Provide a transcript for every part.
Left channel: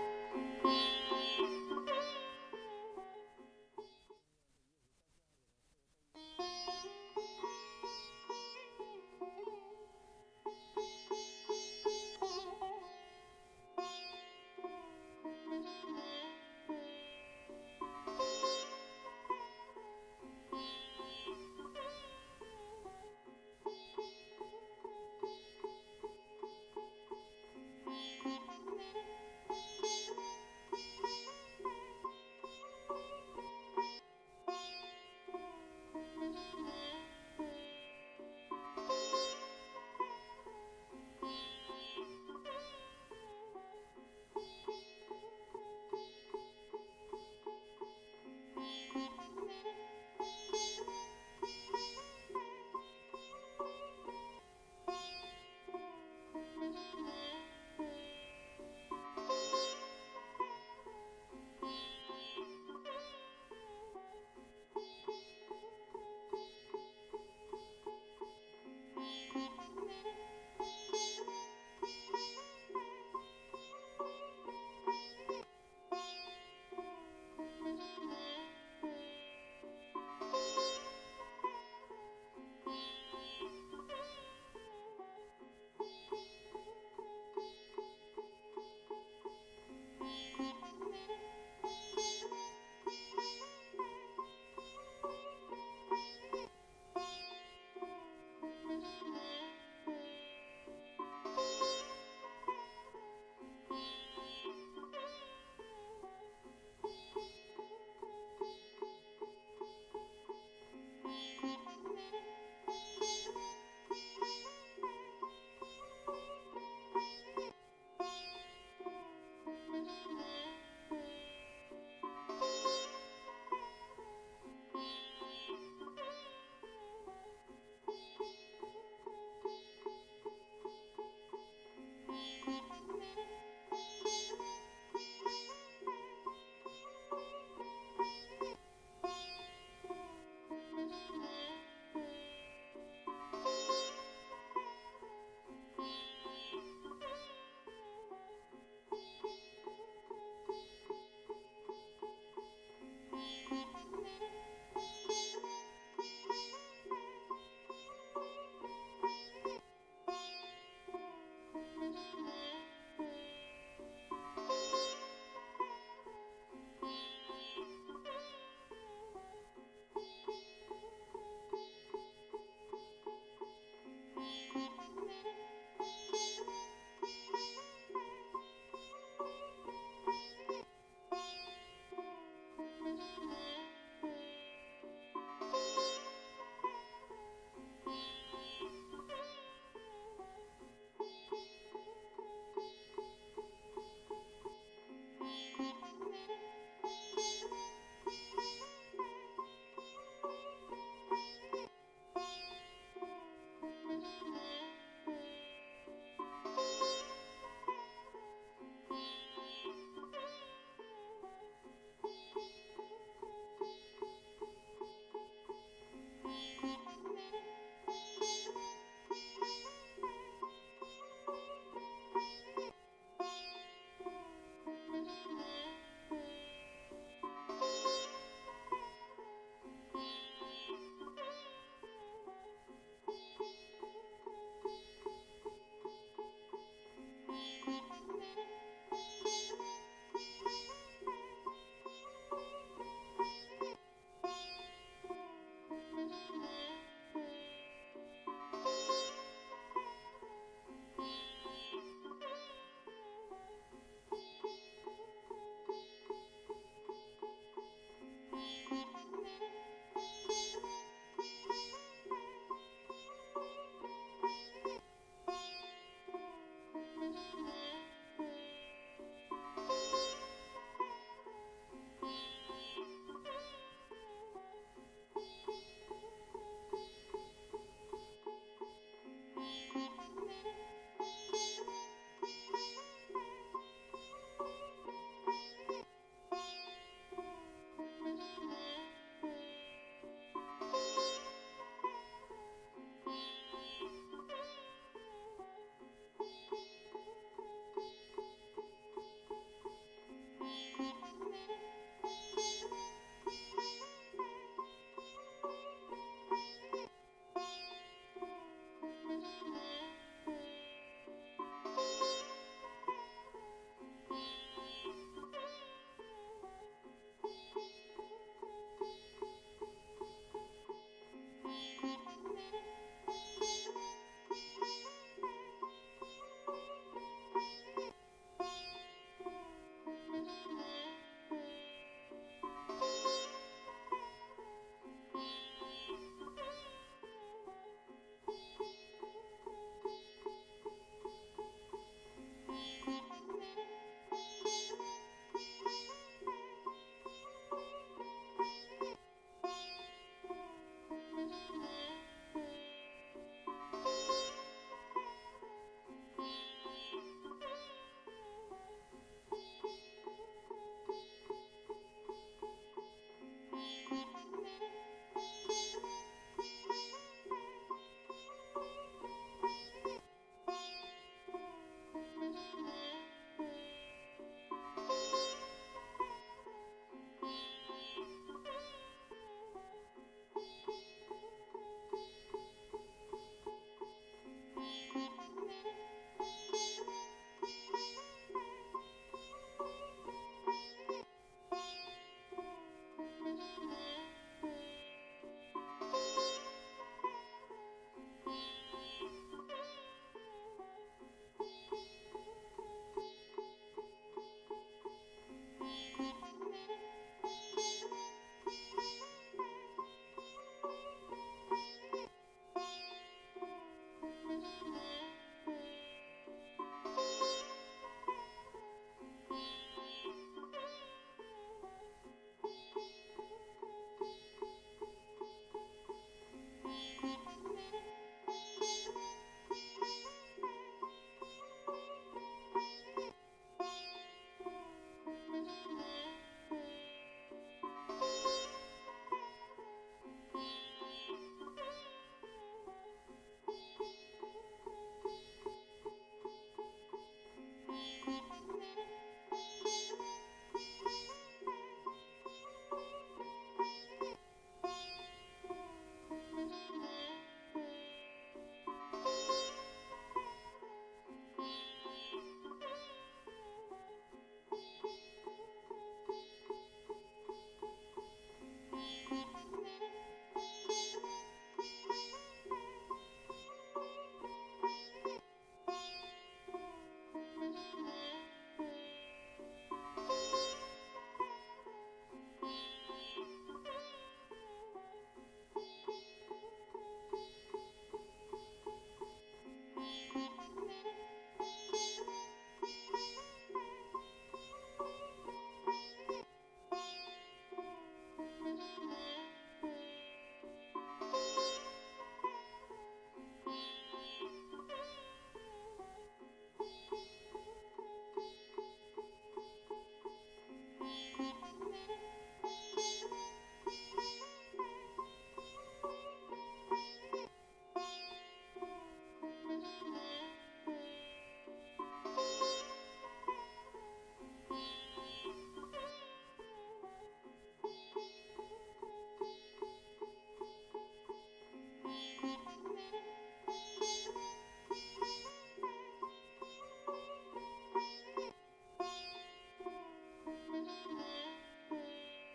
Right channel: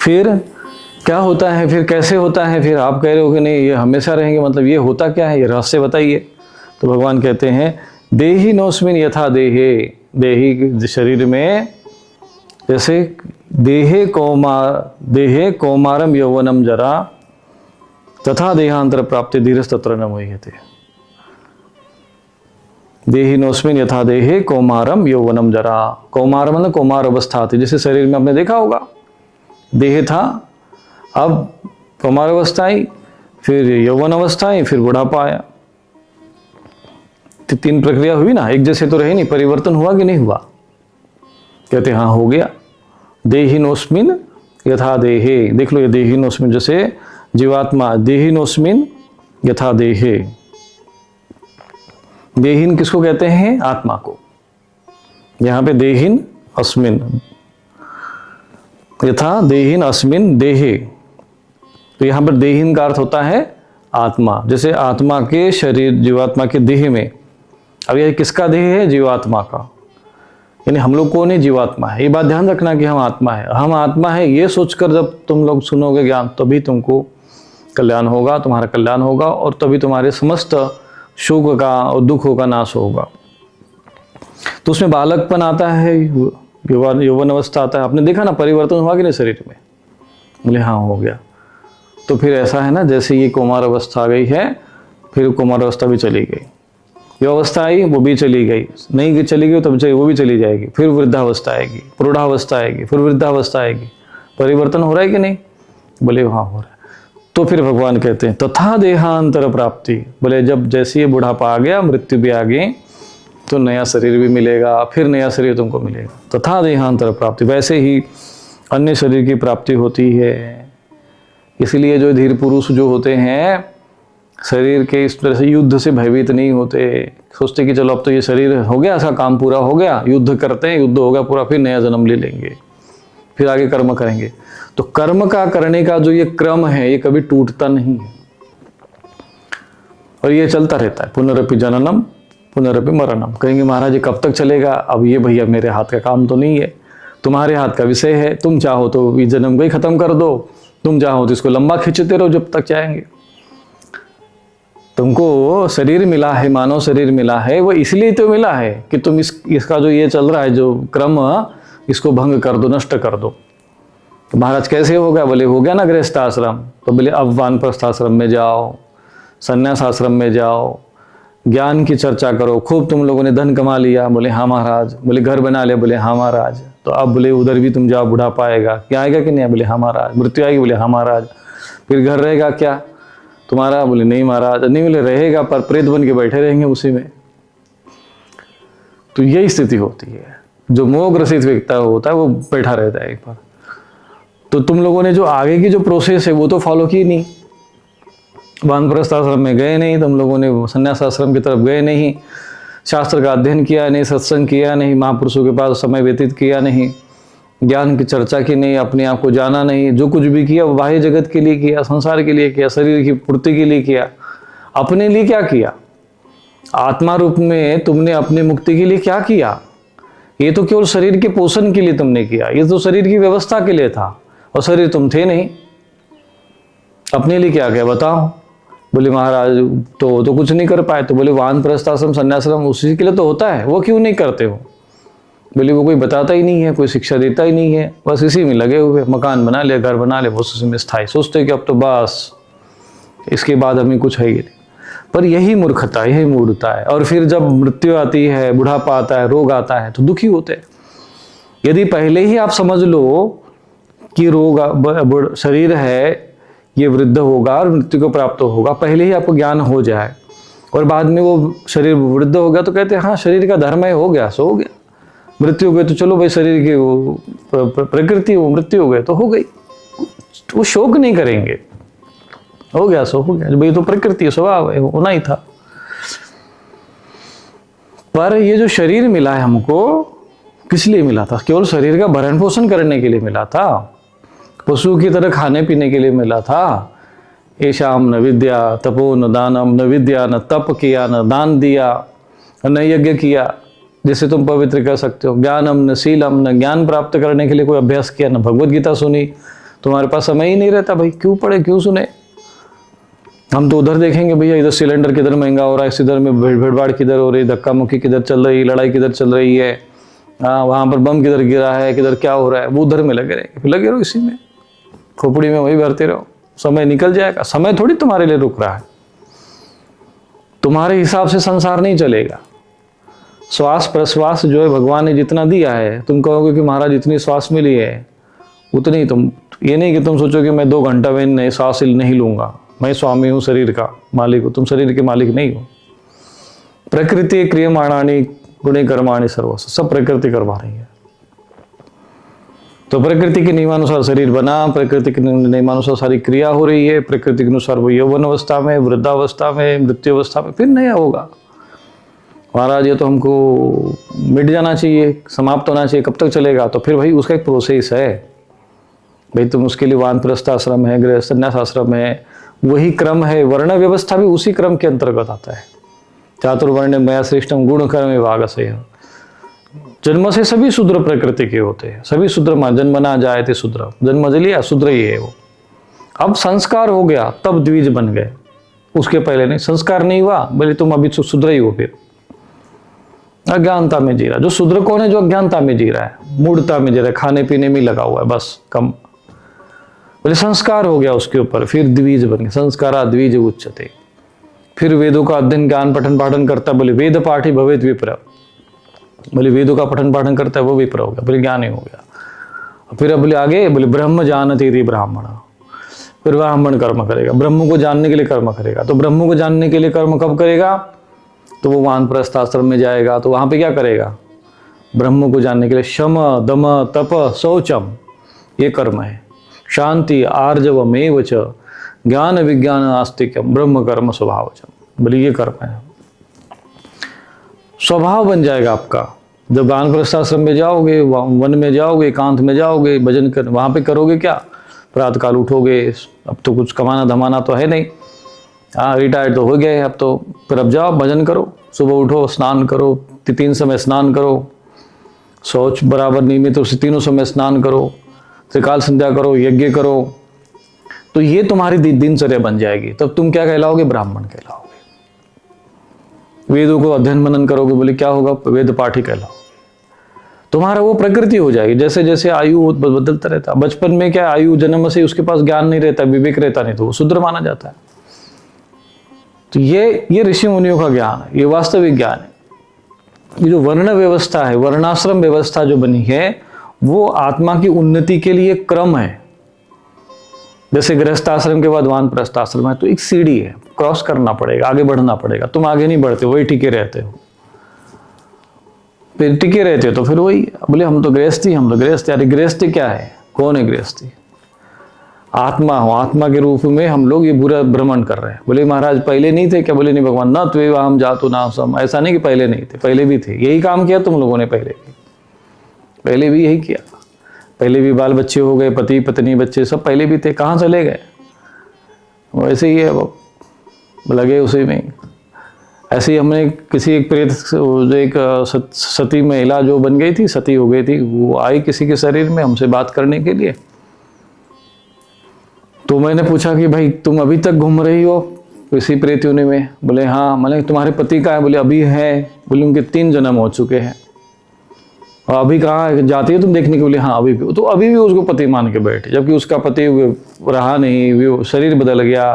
फिर क्या होता है, फिर कैसे होता है, फिर आप कह रहे हो कि नहीं ये हमेशा रहेंगे, मतलब ये होता क्या है, ये रहस्य बताइए। तो भगवान कहते हैं देहि नोस्मिन यथा देहे, देही शरीर में जैसे देहे कौमारम यौवनम जरा तथा देहांतर प्राप्ति धीरस तत्र न मोह्यते। देहि नोस्मिन यथा देहे कौमारम यौवनम जरा, कौमार मतलब कौमार अवस्था थी, जैसे शरीर में आपने देखा होगा देह था, अब कौमार अवस्था आई, फिर यौवन अवस्था आई, फिर बुढ़ापा आया। तो 3 प्रक्रिया हुई ना, एक जैसे तो रहे नहीं, परिवर्तन हुआ कि नहीं हुआ? कहते हाँ हो गया। देहिनोस्मिन यथा देहे, देख लो ये देहिनोस्मिन जैसे जीवात्मा, देहिनोस्मिन यथा देहे। देहिन किसको कहते हैं? आत्मा को। यहां पे देहिन अस्मिन, यथा देहिन अस्मिन देहे, तो यहां पर देहिन का अर्थ होता है आत्मा। जैसे आत्मा के शरीर, जीवात्मा के देह में, अब यह किसका देह है? जीवात्मा का, यानी हम लोग कौन है? जीवात्मा है। ये बात ध्यान रखना कि हम आत्मा है, हम आत्मा है, ये सोचकर जब तुम लोग सुनोगे ज्ञान तभी तुमको कल्याण होगा, तुम्हारा कल्याण होगा, और तभी तुम्हारे समस्त शोक का और दुखों का नाश होगा। तो उसमें बालकपन आता है, यौवन अवस्था आता है। आपने देखा ना परिवर्तन हुआ कि नहीं शरीर में? बोले हाँ हो गया। तो फिर ऐसा है ना, जैसे ये कुमार अवस्था आ गई है, फिर कुमार अवस्था भी चली गई, ये अवस्था आई वो भी चली गई, नहीं चली गई तब वो भी चली जाएगी, फिर वृद्धावस्था आएगी, प्रौढ़ावस्था आएगी, फिर वृद्धावस्था आएगी। परिवर्तन हो रहा है कि नहीं? बोले हाँ हो रहा है। तो फिर भगवान कहते हैं तथा देहांतर प्राप्ति, बोले जब जैसे ये बुढ़ापा आ गया, मृत्यु भी आ गई, तो नया शरीर भी मिलेगा, फिर नया शरीर तुमको मिलेगा। तथा देहांतर प्राप्ति, वैसे ही अन्य शरीर की प्राप्ति होती है। इसलिए जो धीर पुरुष जो होते हैं शरीर के इस तरह से युद्ध से भयभीत नहीं होते, सोचते कि चलो अब तो ये शरीर हो गया, ऐसा काम पूरा हो गया, युद्ध करते हैं, युद्ध हो गया पूरा, फिर नया जन्म ले लेंगे, फिर आगे कर्म करेंगे। तो कर्म का करने का जो ये क्रम है ये कभी टूटता नहीं है, और ये चलता रहता है। पुनरपि जननम पुनरपि मरणम। कहेंगे महाराज ये कब तक चलेगा? अब ये भैया मेरे हाथ का काम तो नहीं है, तुम्हारे हाथ का विषय है। तुम चाहो तो इस जन्म को ही खत्म कर दो, तुम चाहो तो इसको लंबा खींचते रहो जब तक चाहेंगे। तुमको शरीर मिला है, मानव शरीर मिला है, वो इसलिए तो मिला है कि तुम इसका जो ये चल रहा है जो क्रम, इसको भंग कर दो, नष्ट कर दो। तो महाराज कैसे होगा? बोले हो गया ना गृहस्थ आश्रम, तो बोले अब वानप्रस्थ आश्रम में जाओ, संन्यास आश्रम में जाओ, ज्ञान की चर्चा करो, खूब तुम लोगों ने धन कमा लिया। बोले हाँ महाराज। बोले घर बना ले? बोले हाँ महाराज। तो अब बोले उधर भी तुम जाओ, बुढ़ापा आएगा, क्या आएगा कि नहीं? बोले हाँ महाराज। मृत्यु आएगी? बोले हाँ महाराज। फिर घर रहेगा क्या तुम्हारा? बोले नहीं महाराज। नहीं बोले रहेगा, पर प्रेत बन के बैठे रहेंगे उसी में। तो यही स्थिति होती है, जो मोह ग्रसित व्यक्ति होता है वो बैठा रहता है एक बार। तो तुम लोगों ने जो आगे की जो प्रोसेस है वो तो फॉलो की नहीं, वानप्रस्थ आश्रम में गए नहीं, तुम लोगों ने संन्यास आश्रम की तरफ गए नहीं, शास्त्र का अध्ययन किया नहीं, सत्संग किया नहीं, महापुरुषों के पास समय व्यतीत किया नहीं, ज्ञान की चर्चा की नहीं, अपने आप को जाना नहीं। जो कुछ भी किया वो बाह्य जगत के लिए किया, संसार के लिए किया, शरीर की पूर्ति के लिए किया। अपने लिए क्या किया? आत्मा रूप में तुमने अपनी मुक्ति के लिए क्या किया? ये तो केवल शरीर के पोषण के लिए तुमने किया, ये तो शरीर की व्यवस्था के लिए था, और शरीर तुम थे नहीं। अपने लिए क्या किया बताओ? बोले महाराज तो कुछ नहीं कर पाए। तो बोले वानप्रस्थ आश्रम संन्यासाश्रम उसी के लिए तो होता है, वो क्यों नहीं करते हो? बोले वो कोई बताता ही नहीं है, कोई शिक्षा देता ही नहीं है, बस इसी में लगे हुए, मकान बना ले, घर बना ले, बस उसी में स्थायी, सोचते कि अब तो बस इसके बाद हमें कुछ है ही नहीं। पर यही मूर्खता, यही मूढ़ता है। और फिर जब मृत्यु आती है, बुढ़ापा आता है, रोग आता है, तो दुखी होते हैं। यदि पहले ही आप समझ लो कि रोग शरीर है, ये वृद्ध होगा और मृत्यु को प्राप्त होगा, पहले ही आपको ज्ञान हो जाए, और बाद में वो शरीर वृद्ध हो गया तो कहते हैं हाँ शरीर का धर्म है, हो गया सो हो गया। मृत्यु हो गई तो चलो भाई शरीर की वो प्रकृति, वो मृत्यु हो गई तो हो गई, वो शोक नहीं करेंगे, हो गया सो हो गया, भाई तो प्रकृति स्वभाव है, होना ही था। पर ये जो शरीर मिला है हमको, किस लिए मिला था? केवल शरीर का भरण पोषण करने के लिए मिला था, पशु की तरह खाने पीने के लिए मिला था। ऐशाम न विद्या तपो न दानम, न विद्या न तप किया, न दान दिया, न यज्ञ किया जिसे तुम पवित्र कर सकते हो, ज्ञानम न शीलम, न ज्ञान प्राप्त करने के लिए कोई अभ्यास किया, न भगवत गीता सुनी, तुम्हारे पास समय ही नहीं रहता भाई, क्यों पढ़े क्यों सुने। हम तो उधर देखेंगे भैया, इधर सिलेंडर किधर महंगा हो रहा है, इधर में भीड़भाड़ किधर हो रही, धक्का मुक्की किधर चल रही, लड़ाई किधर चल रही है, हाँ वहाँ पर बम किधर गिरा है, किधर क्या हो रहा है, वो उधर में लगे रहो इसी में, खोपड़ी में वही भरते रहो, समय निकल जाएगा। समय थोड़ी तुम्हारे लिए रुक रहा है, तुम्हारे हिसाब से संसार नहीं चलेगा। श्वास प्रश्वास जो है भगवान ने जितना दिया है, तुम कहोगे कि महाराज इतनी श्वास मिली है उतनी, तुम ये नहीं कि तुम सोचो कि मैं 2 घंटा में नहीं श्वास नहीं लूंगा, मैं स्वामी हूँ, शरीर का मालिक हूँ। तुम शरीर के मालिक नहीं हो। प्रकृति क्रियमाणानि गुणे कर्माणि सर्वस्व, सब प्रकृति करवा रही है। तो प्रकृति के नियमानुसार शरीर बना, प्रकृति के नियमानुसार सारी क्रिया हो रही है, प्रकृति के अनुसार वो यौवन अवस्था में, वृद्धावस्था में, मृत्यु अवस्था में फिर नया होगा। महाराज ये तो हमको मिट जाना चाहिए, समाप्त होना चाहिए, कब तक चलेगा? तो फिर भाई उसका एक प्रोसेस है भाई, तुम उसके लिए वानप्रस्थ आश्रम है, गृह संन्यास आश्रम है, वही क्रम है। वर्ण व्यवस्था भी उसी क्रम के अंतर्गत आता है। चातुर्वर्ण मया श्रेष्ठम गुण कर्म विभाग से, जन्म से सभी शूद्र प्रकृति के होते हैं, सभी शूद्र मां जन्मना जाए थे शूद्र, जन्म लिया शूद्र ही है वो। अब संस्कार हो गया तब द्विज बन गए, उसके पहले नहीं। संस्कार नहीं हुआ बोले तुम अभी शूद्र ही हो, फिर अज्ञानता में जी रहा। जो शूद्र कौन है? जो अज्ञानता में जी रहा है, मूढ़ता में जी रहा है, खाने पीने में लगा हुआ है बस कम। बोले संस्कार हो गया उसके ऊपर, फिर द्विज बन गए। संस्कारा द्विज उच्चते। फिर वेदों का अध्ययन ज्ञान पठन पाठन करता, बोले वेद पाठी भवेत विप्र, बोले वेदों का पठन पाठन करता है वो विप्र हो गया, बोले ज्ञानी हो गया। फिर बोले आगे, बोले ब्रह्म जानते थे ब्राह्मण, फिर ब्राह्मण कर्म करेगा, ब्रह्म को जानने के लिए कर्म करेगा। तो ब्रह्म को जानने के लिए कर्म कब करेगा? तो वो वानप्रस्थ आश्रम में जाएगा, तो वहां पे क्या करेगा? ब्रह्म को जानने के लिए शम दम तप शौचम, ये कर्म है। शांति आर्जवमेव च ज्ञान विज्ञान आस्तिक्यम ब्रह्म कर्म स्वभावचम, बोले ये कर्म है। स्वभाव बन जाएगा आपका। जब वानप्रस्थ आश्रम में जाओगे, वन में जाओगे, एकांत में जाओगे, भजन कर वहां पे करोगे क्या? प्रातः काल उठोगे, अब तो कुछ कमाना धमाना तो है नहीं, हाँ रिटायर्ड तो हो गए अब तो, फिर अब जाओ भजन करो, सुबह उठो, स्नान करो, 3 समय स्नान करो, शौच बराबर नियमित उसे 3 समय स्नान करो, त्रिकाल संध्या करो, यज्ञ करो, तो ये तुम्हारी दिनचर्या बन जाएगी। तब तुम क्या कहलाओगे? ब्राह्मण कहलाओगे। वेदों को अध्ययन मनन करोगे, बोले क्या होगा? वेद पाठी कहलाओ। तुम्हारा वो प्रकृति हो जाएगी। जैसे जैसे आयु बदलता रहता, बचपन में क्या आयु जन्म से उसके पास ज्ञान नहीं रहता, विवेक रहता नहीं, तो वो शूद्र माना जाता है। तो ये ऋषि मुनियों का ज्ञान है, ये वास्तविक ज्ञान है। ये जो वर्ण व्यवस्था है, वर्णाश्रम व्यवस्था जो बनी है, वो आत्मा की उन्नति के लिए क्रम है। जैसे गृहस्थ आश्रम के बाद वानप्रस्थ आश्रम है, तो एक सीढ़ी है, क्रॉस करना पड़ेगा, आगे बढ़ना पड़ेगा। तुम आगे नहीं बढ़ते, वही टिके रहते हो, फिर टिके रहते हो तो फिर वही बोले हम तो गृहस्थी, हम तो गृहस्थी। अरे गृहस्थी क्या है? कौन है गृहस्थी? आत्मा हो, आत्मा के रूप में हम लोग ये बुरा भ्रमण कर रहे हैं। बोले महाराज पहले नहीं थे क्या? बोले नहीं भगवान, ना त्वे हम जातु ना सम, ऐसा नहीं कि पहले नहीं थे, पहले भी थे। यही काम किया तुम लोगों ने, पहले भी यही किया। पहले भी बाल बच्चे हो गए, पति पत्नी बच्चे सब पहले भी थे, कहाँ चले गए? वैसे ही है, वो लगे उसी में। ऐसे ही हमने किसी एक प्रेत, जो एक सती महिला जो बन गई थी, सती हो गई थी, वो आई किसी के शरीर में हमसे बात करने के लिए। तो मैंने पूछा कि भाई तुम अभी तक घूम रही हो किसी प्रेत योनि में? बोले हाँ। मैंने तुम्हारे पति का है? बोले अभी है। बोले उनके 3 जन्म हो चुके हैं, और अभी कहाँ जाती है तुम देखने के लिए? हाँ अभी भी। तो अभी भी उसको पति मान के बैठे, जबकि उसका पति रहा नहीं, वो शरीर बदल गया,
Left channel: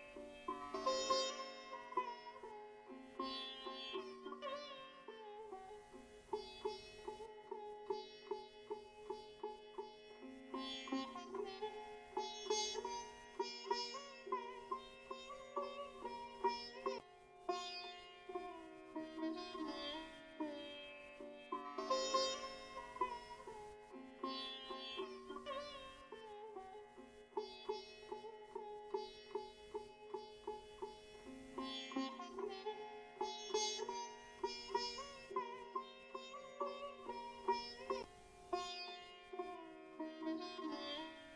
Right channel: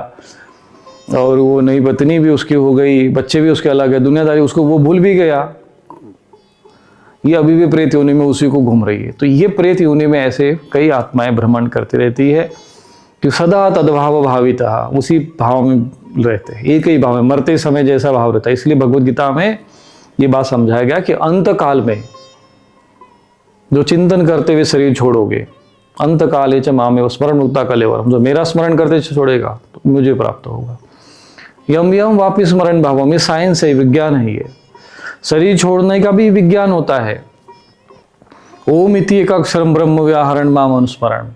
और वो नई पत्नी भी उसकी हो गई, बच्चे भी उसके अलग है, दुनियादारी उसको वो भूल भी गया। ये अभी भी प्रेत योनि में उसी को घूम रही है। तो ये प्रेत योनि में ऐसे कई आत्माएं भ्रमण करती रहती है कि सदा तद्भाव भाविता, उसी भाव में रहते हैं, एक ही भाव में, मरते समय जैसा भाव रहता है। इसलिए भगवद गीता में ये बात समझाया गया कि अंत काल में जो चिंतन करते हुए शरीर छोड़ोगे, अंत काले च मामेव स्मरण मुक्ता कलेवरम, जो मेरा स्मरण करते छोड़ेगा तो मुझे प्राप्त होगा। यम यम वापिस स्मरण भावम, ये साइंस है, विज्ञान है। ये शरीर छोड़ने का भी विज्ञान होता है। ओम इति एक अक्षरम ब्रह्म व्याहरण माम अनुस्मरण,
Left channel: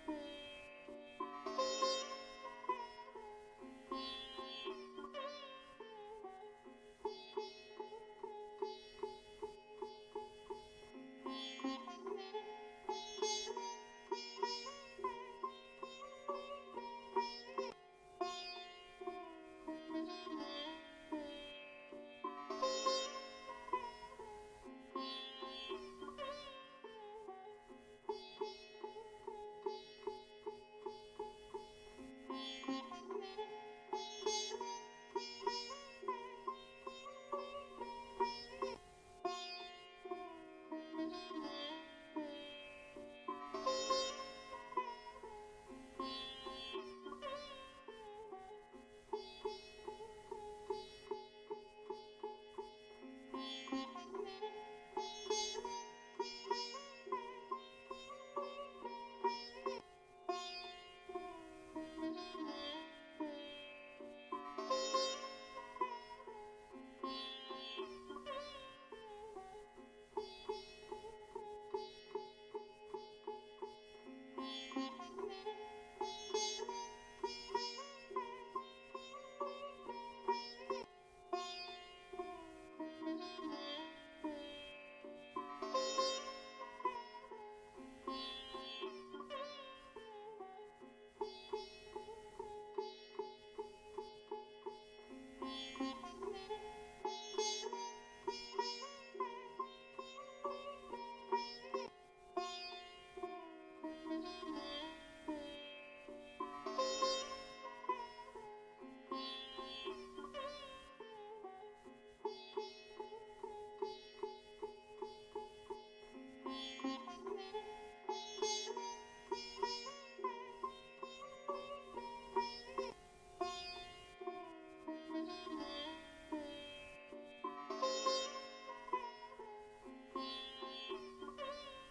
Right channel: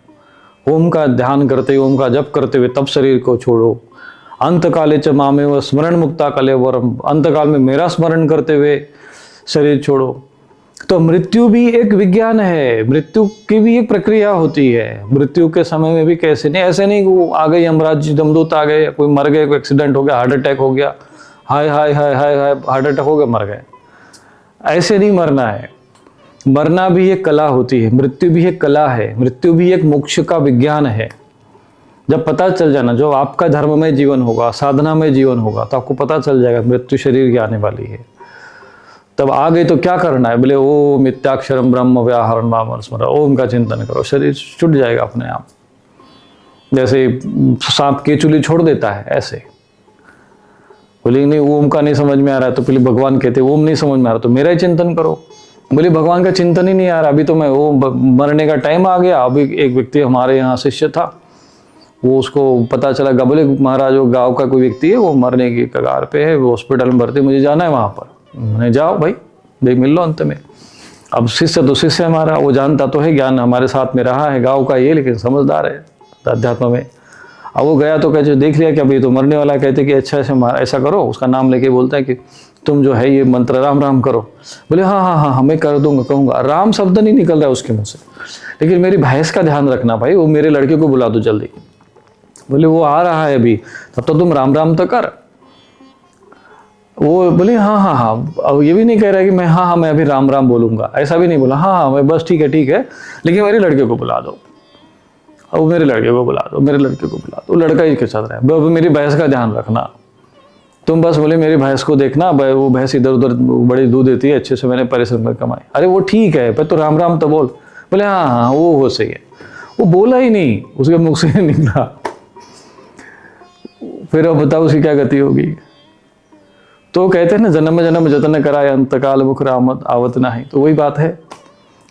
ओम का ध्यान करते, ओम का जप करते हुए तब शरीर को छोड़ो। अंत काले च मामेव स्मरण मुक्ता कलेवरम, अंत काल में मेरा स्मरण करते हुए शरीर छोड़ो। तो मृत्यु भी एक विज्ञान है, मृत्यु की भी एक प्रक्रिया होती है। मृत्यु के समय में भी कैसे नहीं, ऐसे नहीं वो आ गए यमराज जमदूत आ गए, कोई मर गए, कोई एक्सीडेंट हो गया, हार्ट अटैक हो गया, हाय हाय हाय हाय हाय हार्ट अटैक हो गया मर गए, ऐसे नहीं मरना है। मरना भी एक कला होती है, मृत्यु भी एक कला है, मृत्यु भी एक मोक्ष का विज्ञान है। जब पता चल जाना, जो आपका धर्म में जीवन होगा, साधना में जीवन होगा, तो आपको पता चल जाएगा मृत्यु शरीर की आने वाली है। तब आ गई तो क्या करना है, बोले ओम मिथ्याक्षरम ब्रह्म व्याहरण माम स्मरण, ओम का चिंतन करो, शरीर छूट जाएगा अपने आप। जैसे सांप केचुली छोड़ देता है ऐसे। बोले नहीं ओम का नहीं समझ में आ रहा है, तो पहले भगवान कहते ओम नहीं समझ में आ रहा तो मेरा ही चिंतन करो। बोले भगवान का चिंतन ही नहीं आ रहा, अभी तो मैं वो मरने का टाइम आ गया। अभी एक व्यक्ति हमारे यहाँ शिष्य था, वो उसको पता चला, बोले महाराज वो गाँव का कोई व्यक्ति है, वो मरने की कगार पे है, वो हॉस्पिटल में भर्ती, मुझे जाना है वहाँ पर। मैंने जाओ भाई, देख मिल लो अंत में। अब शिष्य तो शिष्य हमारा, वो जानता तो है, ज्ञान हमारे साथ में रहा है, गाँव का ये, लेकिन समझदार है अध्यात्म में। अब वो गया तो कहते देख लिया कि अभी तो मरने वाला है, कहते कि अच्छा ऐसा करो, उसका नाम लेके बोलता है कि तुम जो है ये मंत्र राम राम करो। बोले हाँ हाँ हाँ मैं कर दूंगा, कहूँगा। राम शब्द नहीं निकल रहा है उसके मुँह से, लेकिन मेरी भैंस का ध्यान रखना भाई, वो मेरे लड़के को बुला दो जल्दी। बोले वो आ रहा है अभी, तब तो तुम राम राम तो कर। वो बोले हाँ हाँ हाँ, अब ये भी नहीं कह रहा कि मैं हाँ मैं अभी राम राम बोलूंगा, ऐसा भी नहीं बोला, हाँ मैं बस ठीक है, लेकिन मेरे लड़के को बुला दो। अब मेरे लड़के को बुला दो, मेरे लड़के को बुला दो, लड़का ही के साथ रहा है। अब मेरी भैंस का ध्यान रखना तुम, बस बोले मेरी भैंस को देखना, वो भैंस इधर उधर बड़ी दूध देती है, अच्छे से मैंने परिश्रम कर कमाई। अरे वो ठीक है, पर तो राम राम तो बोल। बोले हाँ हाँ वो सही है। वो बोला ही नहीं, उसके मुख से निकला। फिर अब बताओ उसकी क्या गति होगी। तो कहते हैं ना जन्म जन्म जतन कराए अंतकाल मुख रामत आवत नहीं, तो वही बात है।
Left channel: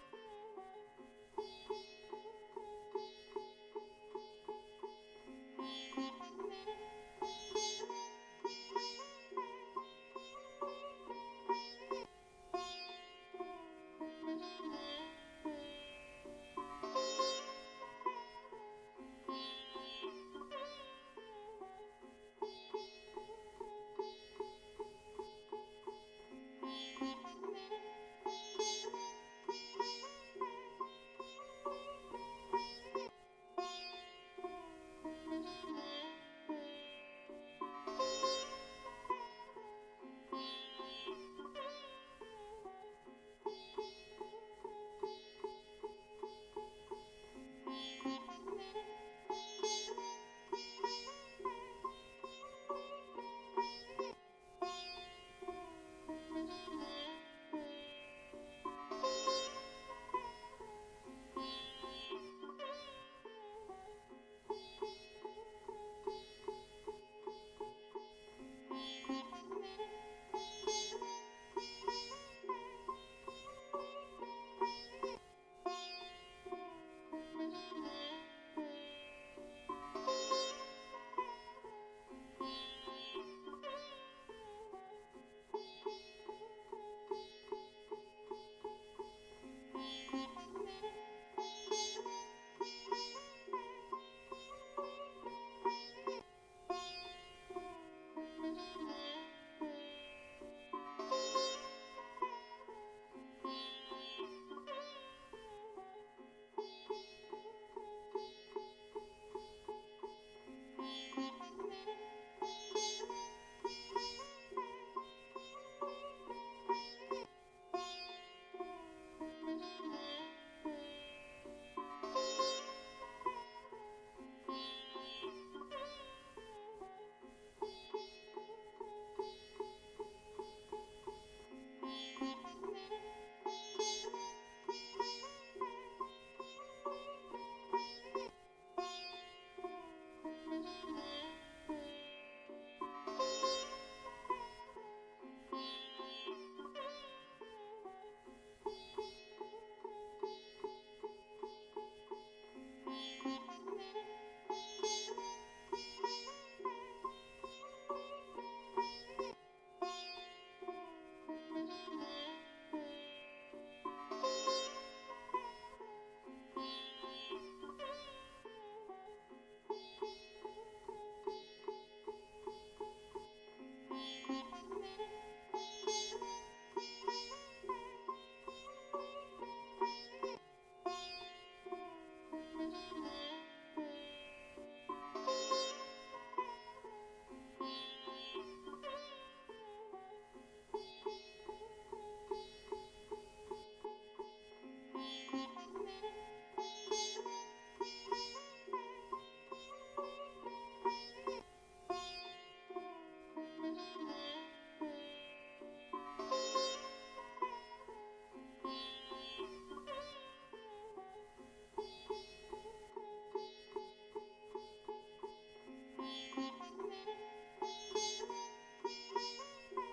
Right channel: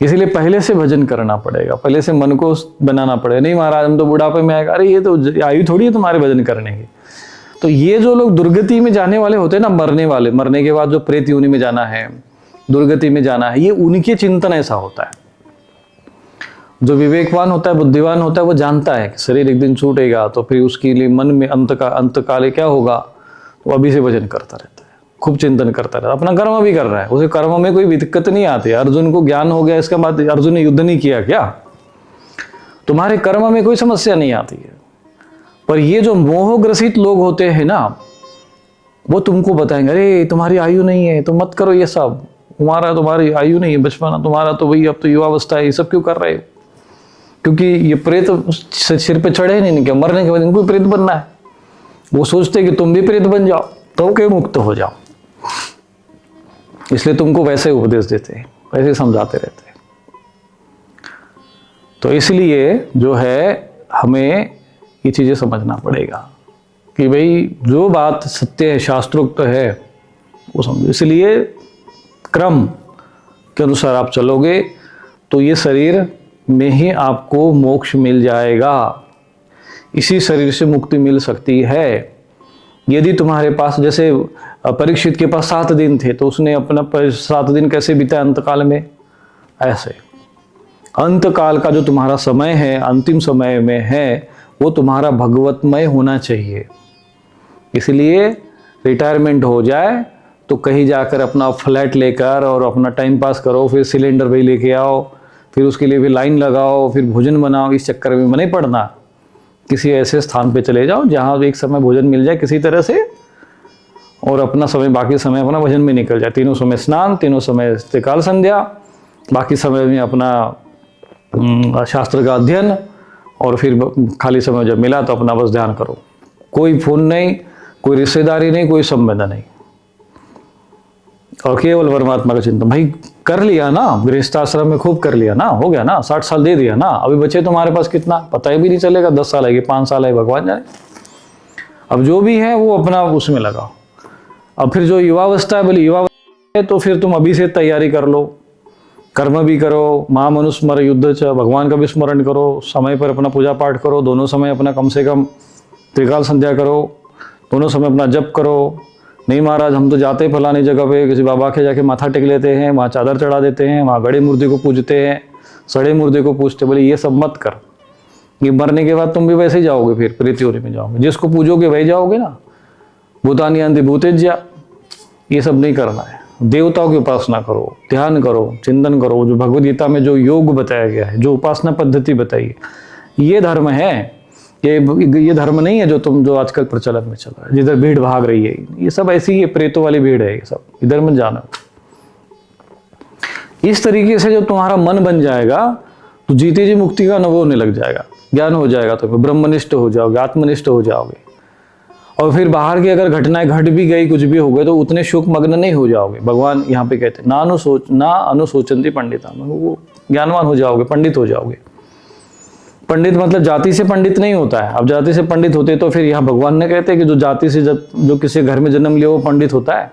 इसीलिए पहले से भजन करना पड़ेगा, पहले से मन को बनाना पड़ेगा। नहीं महाराज हम तो बुढ़ापे में आएगा, अरे ये तो आयु थोड़ी है तुम्हारे भजन करने की। तो ये जो लोग दुर्गति में जाने वाले होते हैं ना, मरने वाले, मरने के बाद जो प्रेत योनि में जाना है, दुर्गति में जाना है, ये उनके चिंतन ऐसा होता है। जो विवेकवान होता है, बुद्धिवान होता है, वो जानता है कि शरीर एक दिन छूटेगा, तो फिर उसके लिए मन में अंत काले क्या होगा, वो अभी से भजन करता रहता है, खूब चिंतन करता रहता है, अपना कर्म भी कर रहा है, उसे कर्म में कोई दिक्कत नहीं आती। अर्जुन को ज्ञान हो गया, इसके बाद अर्जुन ने युद्ध नहीं किया क्या? तुम्हारे कर्म में कोई समस्या नहीं आती है। पर ये जो मोहग्रसित लोग होते हैं ना, वो तुमको बताएंगे अरे तुम्हारी आयु नहीं है, तुम मत करो ये सब, तुम्हारी आयु नहीं है, बचपना तुम्हारा तो वही, अब तो युवावस्था है, ये सब क्यों कर रहे हो? क्योंकि ये प्रेत सिर पे चढ़े नहीं, क्या मरने के बाद इनको प्रेत बनना है। वो सोचते कि तुम भी प्रेत बन जाओ तो के मुक्त हो जाओ, इसलिए तुमको वैसे उपदेश देते हैं, वैसे समझाते रहते हैं। तो इसलिए जो है हमें ये चीजें समझना पड़ेगा कि भाई जो बात सत्य है, शास्त्रोक्त है, वो समझो। इसलिए क्रम के अनुसार आप चलोगे तो ये शरीर में ही आपको मोक्ष मिल जाएगा, इसी शरीर से मुक्ति मिल सकती है। यदि तुम्हारे पास, जैसे परीक्षित के पास 7 दिन थे, तो उसने अपना 7 दिन कैसे बिताया अंतकाल में, ऐसे अंतकाल का जो तुम्हारा समय है, अंतिम समय में है, वो तुम्हारा भगवतमय होना चाहिए। इसलिए रिटायरमेंट हो जाए तो कहीं जाकर अपना फ्लैट लेकर और अपना टाइम पास करो, फिर सिलेंडर भी लेके आओ, फिर उसके लिए भी लाइन लगाओ, फिर भोजन बनाओ, इस चक्कर में नहीं पड़ना। किसी ऐसे स्थान पे चले जाओ जहाँ एक समय भोजन मिल जाए किसी तरह से, और अपना समय, बाकी समय अपना भजन में निकल जाए। तीनों समय स्नान, तीनों समय त्रिकाल संध्या, बाकी समय में अपना शास्त्र का अध्ययन, और फिर खाली समय जब मिला तो अपना बस ध्यान करो। कोई फोन नहीं, कोई रिश्तेदारी नहीं, कोई संबंध नहीं, और केवल परमात्मा का चिंतन। भाई कर लिया ना, गृहस्थाश्रम में खूब कर लिया ना, हो गया ना, 60 साल दे दिया ना, अभी बचे तुम्हारे पास कितना पता ही भी नहीं चलेगा, 10 साल है कि 5 साल है, भगवान जाने। अब जो भी है वो अपना उसमें लगाओ। अब फिर जो युवावस्था है, बोले युवावस्था है तो फिर तुम अभी से तैयारी कर लो, कर्म भी करो, मां मनुस्मर युद्ध च, भगवान का भी स्मरण करो, समय पर अपना पूजा पाठ करो, दोनों समय अपना कम से कम त्रिकाल संध्या करो, दोनों समय अपना जप करो। नहीं महाराज हम तो जाते हैं फलानी जगह पे, किसी बाबा के जाके माथा टेक लेते हैं, वहाँ चादर चढ़ा देते हैं, वहाँ गड़े मुर्दे को पूजते हैं, सड़े मुर्दे को पूजते। बोले ये सब मत कर, ये मरने के बाद तुम भी वैसे ही जाओगे, फिर प्रेत योनि में जाओगे, जिसको पूजोगे वही जाओगे ना। भूतानी अंति भूतेज्या, ये सब नहीं करना है। देवताओं की उपासना करो, ध्यान करो, चिंतन करो, जो भगवद गीता में जो योग बताया गया है, जो उपासना पद्धति बताई है, ये धर्म है। ये धर्म नहीं है जो आजकल प्रचलन में चल रहा है, जिधर भीड़ भाग रही है। ये सब ऐसी ही प्रेतों वाली भीड़ है, ये सब इधर मत जाना। इस तरीके से जो तुम्हारा मन बन जाएगा तो जीते जी मुक्ति का अनुभव होने लग जाएगा, ज्ञान हो जाएगा, तो ब्रह्मनिष्ठ हो जाओगे, आत्मनिष्ठ हो जाओगे। और फिर बाहर की अगर घटनाएं घट भी गई, कुछ भी हो गए, तो उतने शोक मग्न नहीं हो जाओगे। भगवान यहाँ पे कहते हैं ना अनुशोचंती पंडिता, वो ज्ञानवान हो जाओगे, पंडित हो जाओगे। पंडित मतलब जाति से पंडित नहीं होता है। अब जाति से पंडित होते तो फिर यहाँ भगवान ने कहते हैं कि जो जाति से जो किसी घर में जन्म लिया वो पंडित होता है।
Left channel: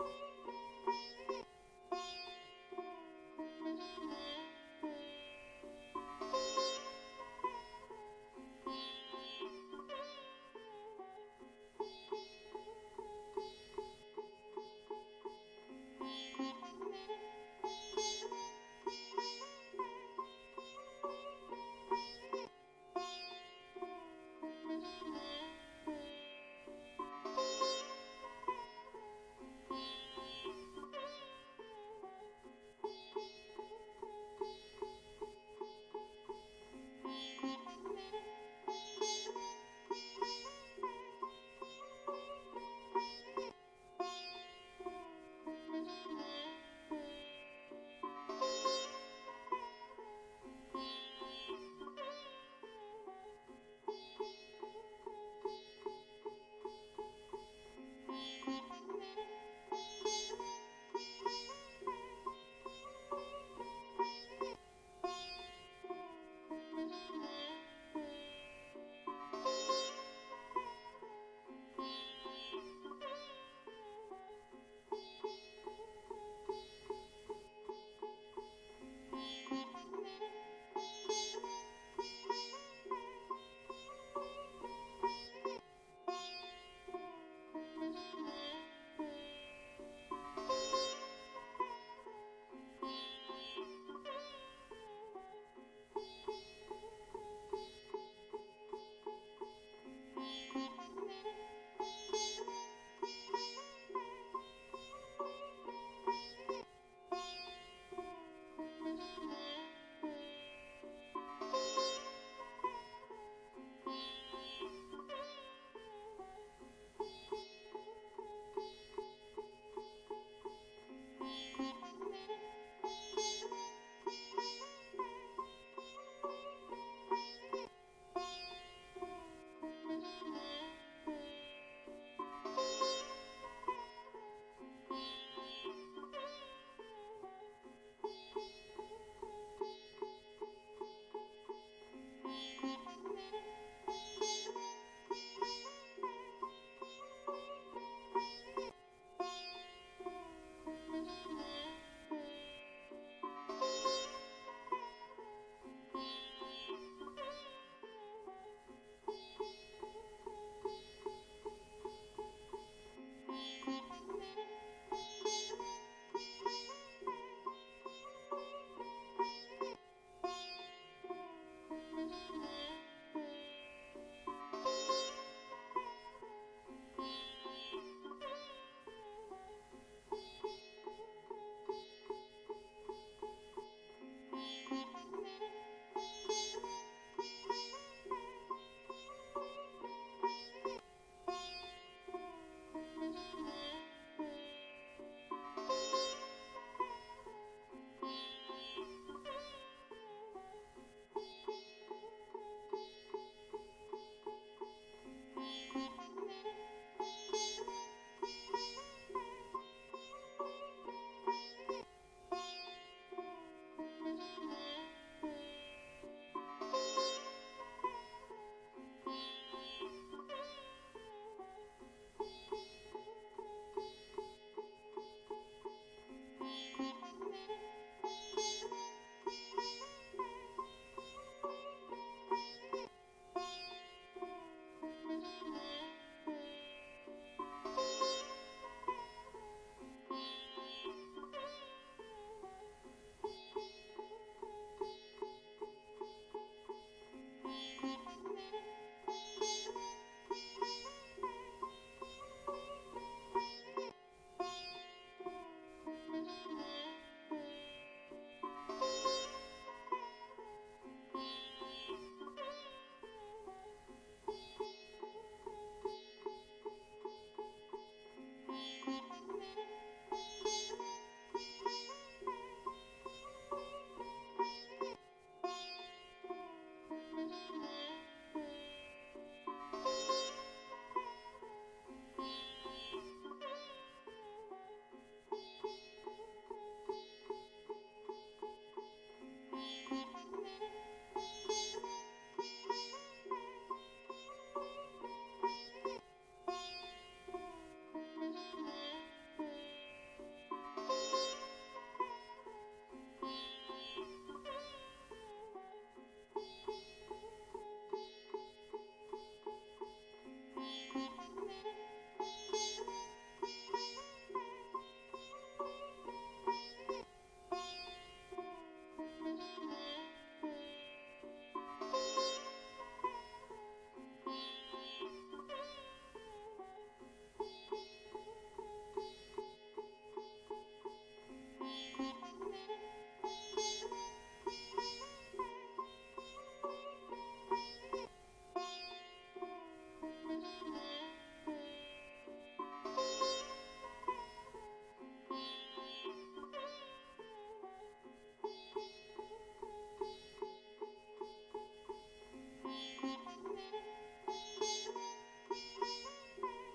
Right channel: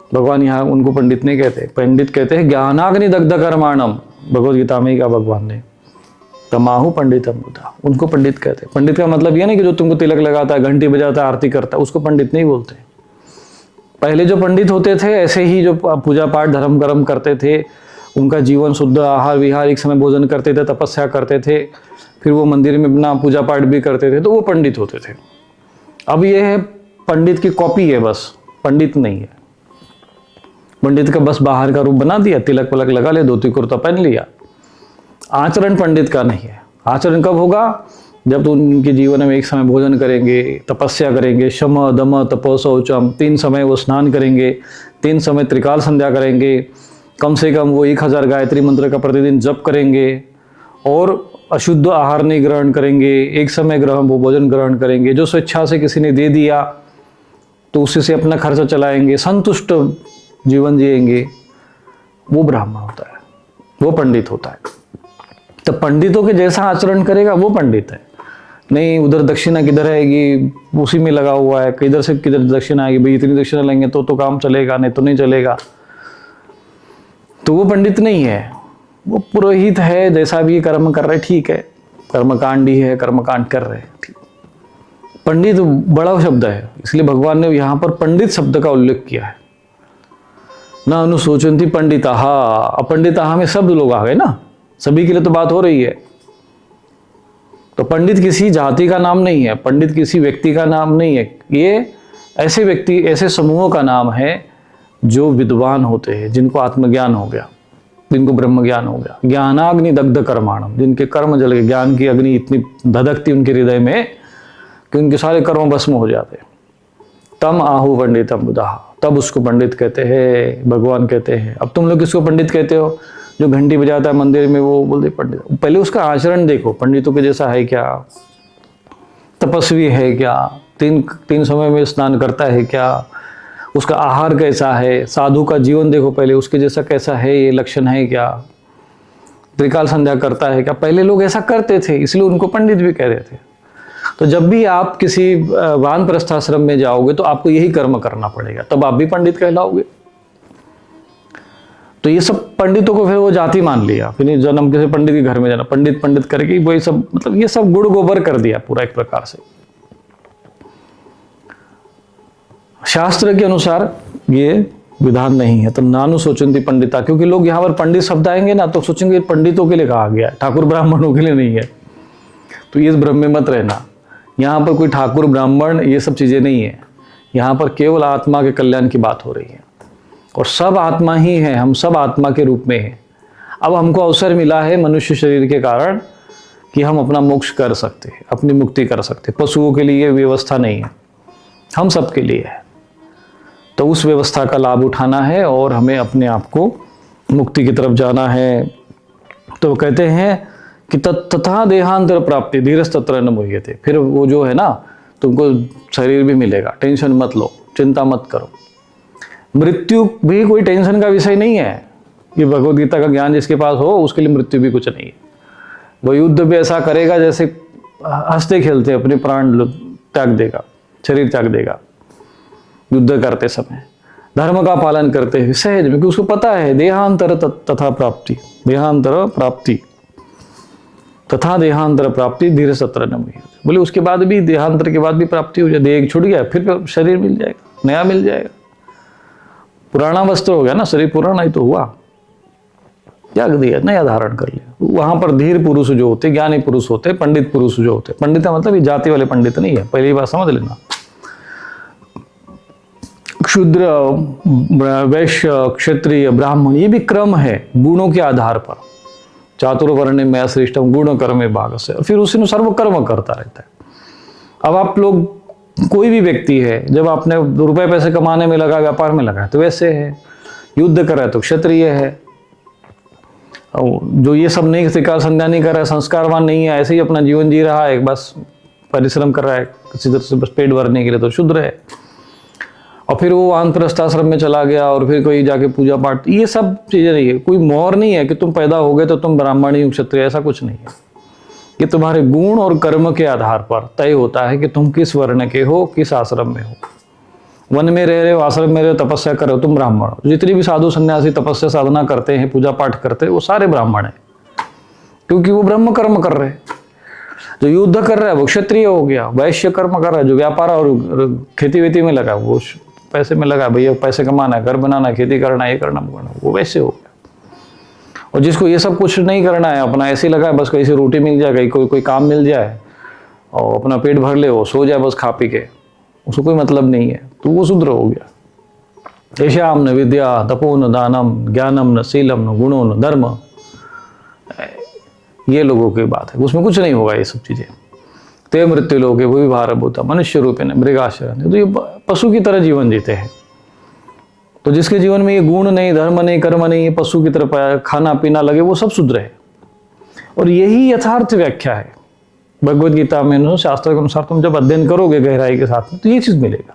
भगवान यहाँ उनको पंडित नहीं कहते, पंडित कहते हैं ज्ञानाग्नि दग्ध कर्माणम। भगवद गीता में ही कहा भगवान ने, तमाहु पंडितम बुधा, उनको पंडित कहते हैं। पंडित का मतलब ये नहीं कि जो तुमको तिलक लगाता है, घंटी बजाता है, आरती करता है, उसको पंडित नहीं बोलते। पहले जो पंडित होते थे, ऐसे ही जो पूजा पाठ धर्म कर्म करते थे, उनका जीवन शुद्ध, आहार विहार, एक समय भोजन करते थे, तपस्या करते थे, फिर वो मंदिर में अपना पूजा पाठ भी करते थे, तो वो पंडित होते थे। अब ये है पंडित की कॉपी है, बस पंडित नहीं है। पंडित का बस बाहर का रूप बना दिया, तिलक पलक लगा ले, धोती कुर्ता पहन लिया। आचरण पंडित का नहीं है। आचरण कब होगा? जब तो उनके जीवन में एक समय भोजन करेंगे, तपस्या करेंगे, शम दम तप शौचम, 3 समय वो स्नान करेंगे, 3 समय त्रिकाल संध्या करेंगे, कम से कम वो 1000 गायत्री मंत्र का प्रतिदिन जप करेंगे, और अशुद्ध आहार नहीं ग्रहण करेंगे, एक समय वो भोजन ग्रहण करेंगे, जो स्वेच्छा से किसी ने दे दिया तो उसी से अपना खर्चा चलाएंगे, संतुष्ट जीवन जिएंगे। वो ब्राह्मण होता है, वो पंडित होता है। तो पंडितों के जैसा आचरण करेगा वो पंडित है। नहीं उधर दक्षिणा किधर आएगी, उसी में लगा हुआ है, किधर से किधर दक्षिणा आएगी, भाई इतनी दक्षिणा लेंगे तो काम चलेगा, नहीं तो नहीं चलेगा, तो वो पंडित नहीं है। वो पुरोहित है, जैसा भी कर्म कर रहे ठीक है, कर्मकांडी है, कर्मकांड कर रहे हैं। पंडित बड़ा शब्द है, इसलिए भगवान ने यहाँ पर पंडित शब्द का उल्लेख किया है। ना अनुशोचंती पंडिताः, अपंडिताः में सब लोग आ गए ना, सभी के लिए तो बात हो रही है। तो पंडित किसी जाति का नाम नहीं है, पंडित किसी व्यक्ति का नाम नहीं है। ये ऐसे व्यक्ति, ऐसे समूहों का नाम है जो विद्वान होते हैं, जिनको आत्मज्ञान हो गया, जिनको ब्रह्म ज्ञान हो गया। ज्ञानाग्नि दग्ध कर्माणम, जिनके कर्म जल गए, ज्ञान की अग्नि इतनी धधकती उनके हृदय में कि उनके सारे कर्म भस्म हो जाते। तम आहु पंडितम बुधाः, तब उसको पंडित कहते हैं, भगवान कहते हैं। अब तुम लोग किसको पंडित कहते हो? जो घंटी बजाता है मंदिर में, वो बोलते पंडित। पहले उसका आचरण देखो, पंडितों के जैसा है क्या, तपस्वी है क्या, तीन समय में स्नान करता है क्या, उसका आहार कैसा है, साधु का जीवन देखो पहले, उसके जैसा कैसा है, ये लक्षण है क्या, त्रिकाल संध्या करता है क्या। पहले लोग ऐसा करते थे, इसलिए उनको पंडित भी कह रहे थे। तो जब भी आप किसी वानप्रस्थ आश्रम में जाओगे तो आपको यही कर्म करना पड़ेगा, तब आप भी पंडित कहलाओगे। तो ये सब पंडितों को फिर वो जाति मान लिया, फिर जन्म किसी पंडित के घर में जाना, पंडित पंडित करके वो ये सब, मतलब ये सब गुड़ गोबर कर दिया पूरा एक प्रकार से। शास्त्र के अनुसार ये विधान नहीं है। तो नानु सोचंती पंडिता, क्योंकि लोग यहाँ पर पंडित शब्द आएंगे ना तो सोचेंगे पंडितों के लिए कहा गया है, ठाकुर ब्राह्मणों के लिए नहीं है। तो ये इस भ्रम में मत रहना, यहाँ पर कोई ठाकुर ब्राह्मण ये सब चीजें नहीं है। यहाँ पर केवल आत्मा के कल्याण की बात हो रही है, और सब आत्मा ही है, हम सब आत्मा के रूप में हैं। अब हमको अवसर मिला है मनुष्य शरीर के कारण कि हम अपना मोक्ष कर सकते हैं, अपनी मुक्ति कर सकते हैं। पशुओं के लिए व्यवस्था नहीं है, हम सब के लिए है। तो उस व्यवस्था का लाभ उठाना है और हमें अपने आप को मुक्ति की तरफ जाना है। तो कहते हैं कि तथा देहांतर प्राप्ति धीरज तत्र न मुह्यते। फिर वो जो है ना, तुमको शरीर भी मिलेगा, टेंशन मत लो, चिंता मत करो। मृत्यु भी कोई टेंशन का विषय नहीं है। ये भगवद गीता का ज्ञान जिसके पास हो उसके लिए मृत्यु भी कुछ नहीं है। वो युद्ध भी ऐसा करेगा जैसे हंसते खेलते अपने प्राण त्याग देगा, शरीर त्याग देगा युद्ध करते समय, धर्म का पालन करते हुए सहज में, क्योंकि उसको पता है देहांतर तथा प्राप्ति, देहांतर प्राप्ति तथा देहांतर प्राप्ति धीरे सत्र न मुह्यते। बोले उसके बाद भी, देहांतर के बाद भी प्राप्ति हो जाए, देह छूट गया फिर शरीर मिल जाएगा, नया मिल जाएगा। पुराना वस्त्र हो गया ना, शरीर पुराना ही तो हुआ, त्याग दिया, नया धारण कर लिया। वहां पर धीर पुरुष जो होते, ज्ञानी पुरुष होते, पंडित पुरुष जो होते, पंडित मतलब ये जाति वाले पंडित नहीं है, पहली बात समझ लेना। शूद्र, वैश्य, क्षत्रिय, ब्राह्मण, ये भी क्रम है गुणों के आधार पर। चातुर्वर्ण में श्रेष्ठम गुण कर्म भाग से, और फिर उसी अनुसार वो कर्म करता रहता है। अब आप लोग, कोई भी व्यक्ति है, जब आपने रुपए पैसे कमाने में लगा, व्यापार में लगा, तो वैसे है। युद्ध कर रहा है तो क्षत्रिय है। जो ये सब नहीं शिकार संध्या नहीं कर रहा है, संस्कारवान नहीं है, ऐसे ही अपना जीवन जी रहा है, बस परिश्रम कर रहा है किसी तरह से बस पेट भरने के लिए, तो शूद्र है। और फिर वो वानप्रस्थ आश्रम में चला गया और फिर कोई जाके पूजा पाठ, ये सब चीजें नहीं है। कोई मोहर नहीं है कि तुम पैदा हो गए तो तुम ब्राह्मण ही क्षत्रिय, ऐसा कुछ नहीं है। ये तुम्हारे गुण और कर्म के आधार पर तय होता है कि तुम किस वर्ण के हो, किस आश्रम में हो। वन में रह रहे हो, आश्रम में रहे हो, तपस्या कर रहे हो, तुम ब्राह्मण हो। जितने भी साधु सन्यासी तपस्या साधना करते हैं, पूजा पाठ करते हैं, वो सारे ब्राह्मण हैं, क्योंकि वो ब्रह्म कर्म कर रहे हैं। जो युद्ध कर रहा है वो क्षत्रिय हो गया। वैश्य कर्म कर रहा है, जो व्यापार और खेती वेती में लगा, वो पैसे में लगा, भैया पैसे कमाना है, घर बनाना है, खेती करना है, ये करना करना, वो वैसे हो गया। और जिसको ये सब कुछ नहीं करना है, अपना ऐसे लगा है, बस कहीं से रोटी मिल जाए, कहीं कोई काम मिल जाए और अपना पेट भर ले, वो सो जाए बस खा पी के, उसको कोई मतलब नहीं है, तो वो शूद्र हो गया। ऐशाम न विद्या तपो न दानम ज्ञानम न शीलम न गुणो न धर्म, ये लोगों की बात है, उसमें कुछ नहीं होगा ये सब चीजें। ते मृत्यु लोग वो भी भारत होता मनुष्य रूप है मृगाशरण, तो ये पशु की तरह जीवन जीते हैं। तो जिसके जीवन में ये गुण नहीं, धर्म नहीं, कर्म नहीं, ये पशु की तरह खाना पीना लगे, वो सब शूद्र है। और यही यथार्थ व्याख्या है भगवद गीता में। शास्त्र के अनुसार तुम जब अध्ययन करोगे गहराई के साथ में, तो ये चीज मिलेगा।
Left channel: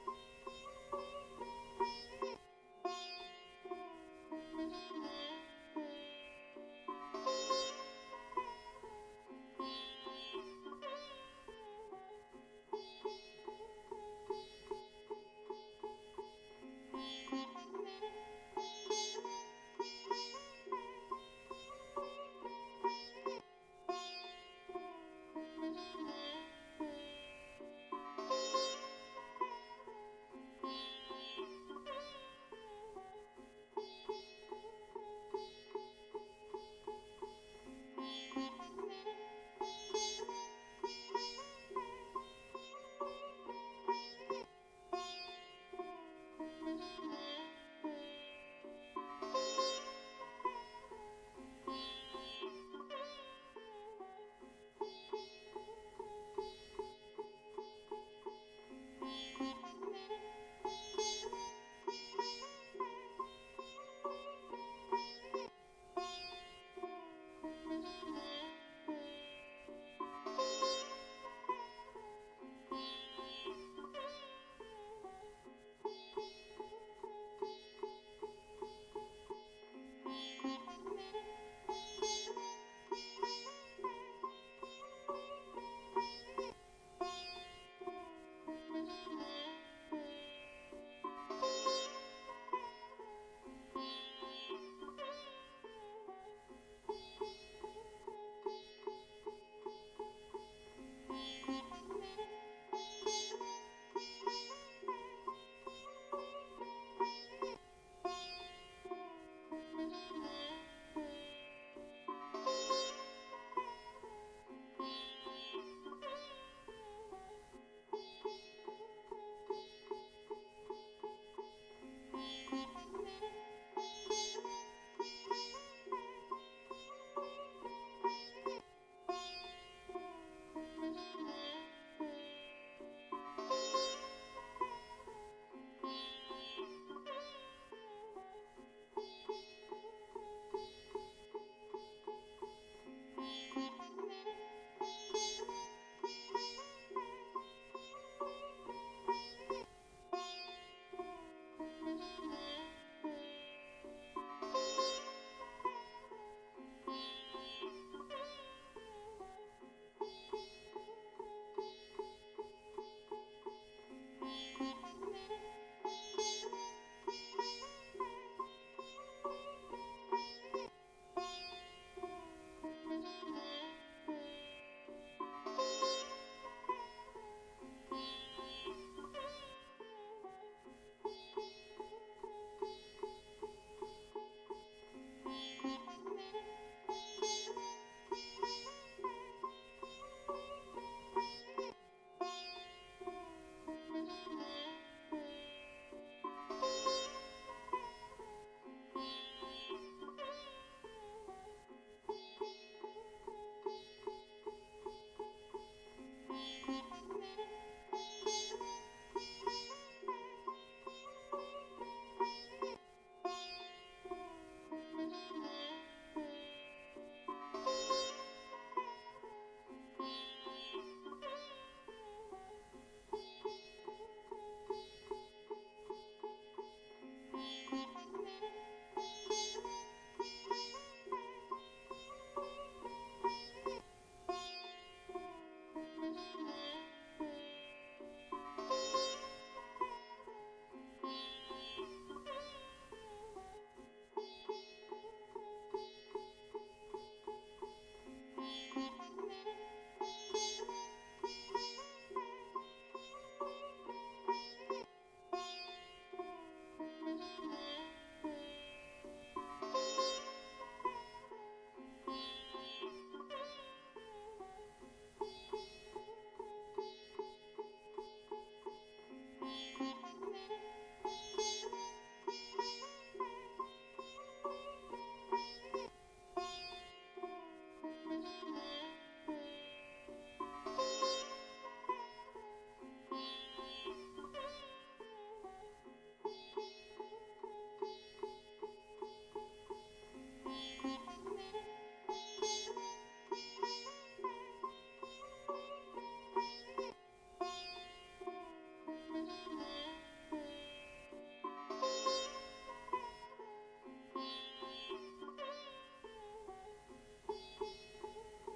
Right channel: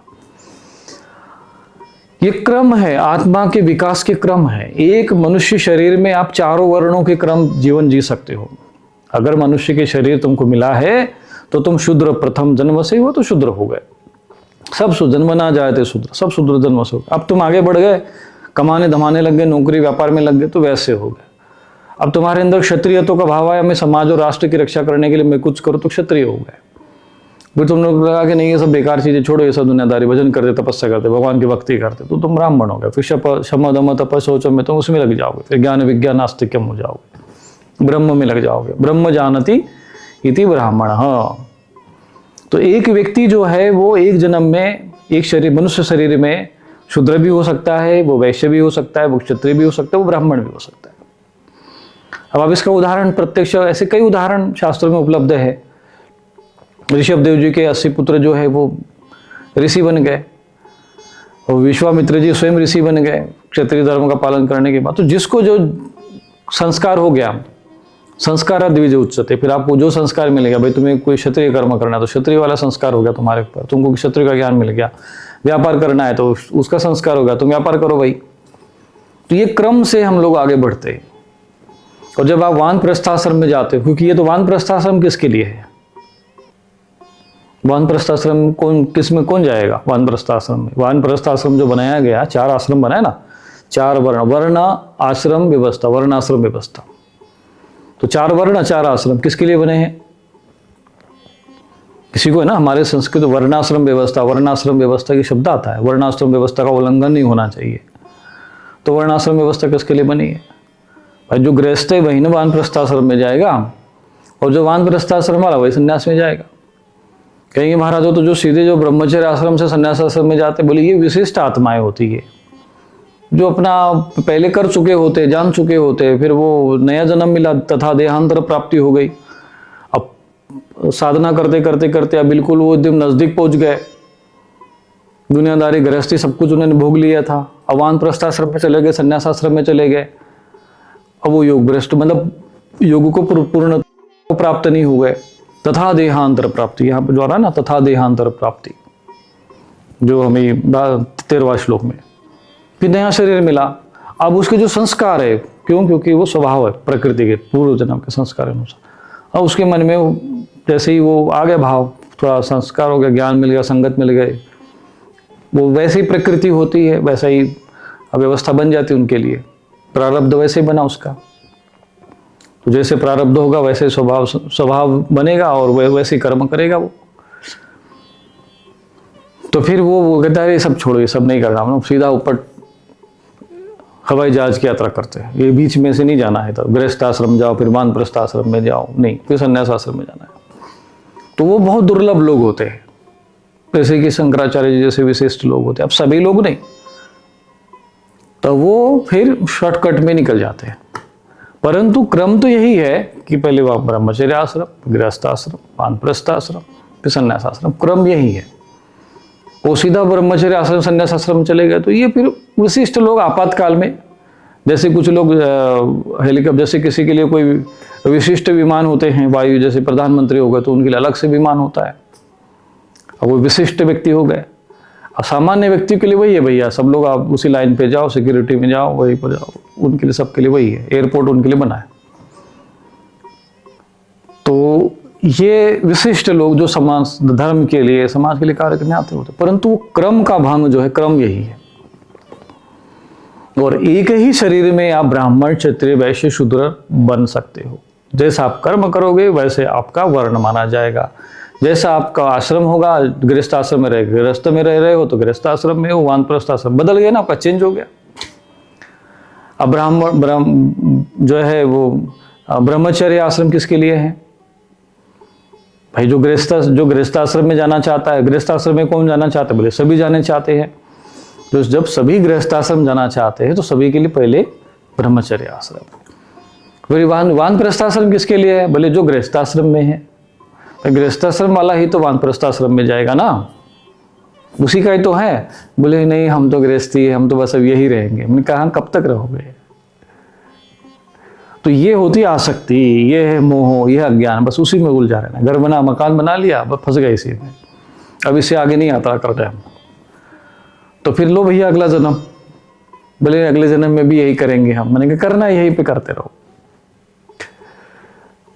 ये क्रम है, आत्मा के विकास के क्रम है। एक मनुष्य शरीर में आप चारों वर्णों के क्रम जीवन जी सकते हो। अगर मनुष्य के शरीर तुमको मिला है तो तुम शूद्र प्रथम जन्म से हो, तो शूद्र हो गए। सब जन्म ना जाए थे शूद्र, सब शूद्र जन्म से हो। अब तुम आगे बढ़ गए, कमाने धमाने लग गए, नौकरी व्यापार में लग गए, तो वैसे हो गए। अब तुम्हारे अंदर क्षत्रियत्व का भाव आया, मैं समाज और राष्ट्र की रक्षा करने के लिए मैं कुछ करूँ, तो क्षत्रिय हो गए। फिर तुम लोग लगा कि नहीं ये सब बेकार चीजें छोड़ो, ये सब दुनियादारी, भजन करते, तपस्या करते, भगवान की भक्ति करते, तो तुम ब्राह्मण हो गए। फिर क्षमा दम तप सोचो में तुम उसमें लग जाओगे। फिर ज्ञान विज्ञान आस्तिक्यम हो जाओगे, ब्रह्म में लग जाओगे। ब्रह्म जानती इति ब्राह्मण। हाँ, तो एक व्यक्ति जो है वो एक जन्म में एक शरीर, मनुष्य शरीर में शूद्र भी हो सकता है, वो वैश्य भी हो सकता है, वो क्षत्रिय भी हो सकता है, वो ब्राह्मण भी हो सकता है। अब आप इसका उदाहरण प्रत्यक्ष, ऐसे कई उदाहरण शास्त्रों में उपलब्ध है। ऋषभदेव जी के 80 पुत्र जो है वो ऋषि बन गए, और विश्वामित्र जी स्वयं ऋषि बन गए क्षत्रिय धर्म का पालन करने के बाद। तो जिसको जो संस्कार हो गया, संस्कार द्विज उच्चते, फिर आपको जो संस्कार मिलेगा, भाई तुम्हें कोई क्षत्रिय कर्म करना है तो क्षत्रिय वाला संस्कार हो गया तुम्हारे ऊपर, तुमको क्षत्रिय का ज्ञान मिल गया। व्यापार करना है तो उसका संस्कार होगा, तुम व्यापार करो भाई। तो ये क्रम से हम लोग आगे बढ़ते हैं। और जब आप वानप्रस्थाश्रम में जाते हो, क्योंकि ये तो वानप्रस्थाश्रम किसके लिए है? वानप्रस्थाश्रम कौन जाएगा वानप्रस्थाश्रम में? वानप्रस्थाश्रम जो बनाया गया, 4 आश्रम बनाया ना, 4 वर्ण आश्रम व्यवस्था, वर्णाश्रम व्यवस्था। तो 4 वर्ण 4 आश्रम किसके लिए बने हैं? किसी को है ना, हमारे संस्कृत वर्णाश्रम व्यवस्था, वर्णाश्रम व्यवस्था की शब्द आता है, वर्णाश्रम व्यवस्था का उल्लंघन नहीं होना चाहिए। तो वर्णाश्रम व्यवस्था किसके लिए बनी है? भाई जो गृहस्थ है वही ना वानप्रस्थाश्रम में जाएगा, और जो वानप्रस्थाश्रम वाला वही संन्यास में जाएगा। कहेंगे महाराज हो तो जो सीधे जो ब्रह्मचर्य आश्रम से संन्यास आश्रम में जाते, बोले ये विशिष्ट आत्माएं होती है, जो अपना पहले कर चुके होते, जान चुके होते, फिर वो नया जन्म मिला तथा देहांतर प्राप्ति हो गई। अब साधना करते करते करते अब बिल्कुल वो एकदम नजदीक पहुंच गए, दुनियादारी गृहस्थी सब कुछ उन्होंने भोग लिया था। अब वानप्रस्थाश्रम में चले गए, संन्यास आश्रम में चले गए। अब वो योग भ्रष्ट, मतलब योग को पूर्ण प्राप्त नहीं हुए। तथा देहांतर प्राप्ति, यहाँ पर जो आ रहा है ना, तथा देहांतर प्राप्ति, जो हमें 13वां श्लोक में, फिर नया शरीर मिला। अब उसके जो संस्कार है, क्योंकि वो स्वभाव है प्रकृति के पूर्व जन्म के संस्कार अनुसार। अब उसके मन में जैसे ही वो आ गया भाव, थोड़ा संस्कार हो गया, ज्ञान मिल गया, संगत मिल गए, वो वैसे ही प्रकृति होती है, वैसा ही व्यवस्था बन जाती है उनके लिए। प्रारब्ध वैसे ही बना उसका, तो जैसे प्रारब्ध होगा वैसे स्वभाव बनेगा, और वैसे कर्म करेगा वो। तो फिर वो कहता है ये सब छोड़ो, ये सब नहीं करना, हम लोग सीधा ऊपर हवाई जहाज की यात्रा करते हैं। ये बीच में से नहीं जाना है, तो गृहस्थ आश्रम जाओ, फिर वानप्रस्थ आश्रम में जाओ, नहीं, फिर संन्यास आश्रम में जाना है। तो वो बहुत दुर्लभ लोग होते हैं, जैसे कि शंकराचार्य जी जैसे विशिष्ट लोग होते हैं, अब सभी लोग नहीं, तो वो फिर शॉर्टकट में निकल जाते हैं। परंतु क्रम तो यही है कि पहले वह ब्रह्मचर्य आश्रम, गृहस्थाश्रम, वानप्रस्थाश्रम, फिर संन्यासाश्रम, क्रम यही है। वो सीधा ब्रह्मचर्य आश्रम संन्यास आश्रम चले गए तो ये फिर विशिष्ट लोग आपातकाल में, जैसे कुछ लोग हेलीकॉप्टर, जैसे किसी के लिए कोई विशिष्ट विमान होते हैं वायु, जैसे प्रधानमंत्री हो गए तो उनके लिए अलग से विमान होता है, अब वो विशिष्ट व्यक्ति हो गए। और सामान्य व्यक्ति के लिए वही है भैया, सब लोग आप उसी लाइन पे जाओ, सिक्योरिटी में जाओ, वहीं पर जाओ, उनके लिए सबके लिए वही है, एयरपोर्ट उनके लिए बना है। तो ये विशिष्ट लोग जो समाज धर्म के लिए, समाज के लिए कार्य करने आते होते, परंतु वो क्रम का भंग जो है, क्रम यही है। और एक ही शरीर में आप ब्राह्मण, क्षत्रिय, वैश्य, शूद्र बन सकते हो। जैसा आप कर्म करोगे वैसे आपका वर्ण माना जाएगा। जैसा आपका आश्रम होगा, गृहस्थ आश्रम में रहे, गृहस्थ में रह रहे हो तो गृहस्थ आश्रम में हो, वानप्रस्थ आश्रम बदल गया ना, आपका चेंज हो गया। अब जो है वो ब्रह्मचर्य आश्रम किसके लिए है भाई? जो गृहस्थ आश्रम में जाना चाहता है, गृहस्थ आश्रम में कौन जाना चाहता है? बोले सभी जाने चाहते हैं। तो जब सभी गृहस्थ आश्रम जाना चाहते हैं तो सभी के लिए पहले ब्रह्मचर्य आश्रम, फिर वानप्रस्थ आश्रम किसके लिए है? बोले जो गृहस्थ आश्रम में है, गृहस्थाश्रम वाला ही तो वानप्रस्थाश्रम में जाएगा ना, उसी का ही तो है। बोले नहीं हम तो गृहस्थी है, हम तो बस अब यही रहेंगे। मैंने कहा कब तक रहोगे? तो ये होती आसक्ति, ये है मोह, ये अज्ञान, बस उसी में उलझा रहना। घर बना, मकान बना लिया, बस फंस गए इसी में, अब इससे आगे नहीं आता करते हम। तो फिर लो भैया अगला जन्म, बोले अगले जन्म में भी यही करेंगे हम। मैंने कहा करना यही पे करते रहो,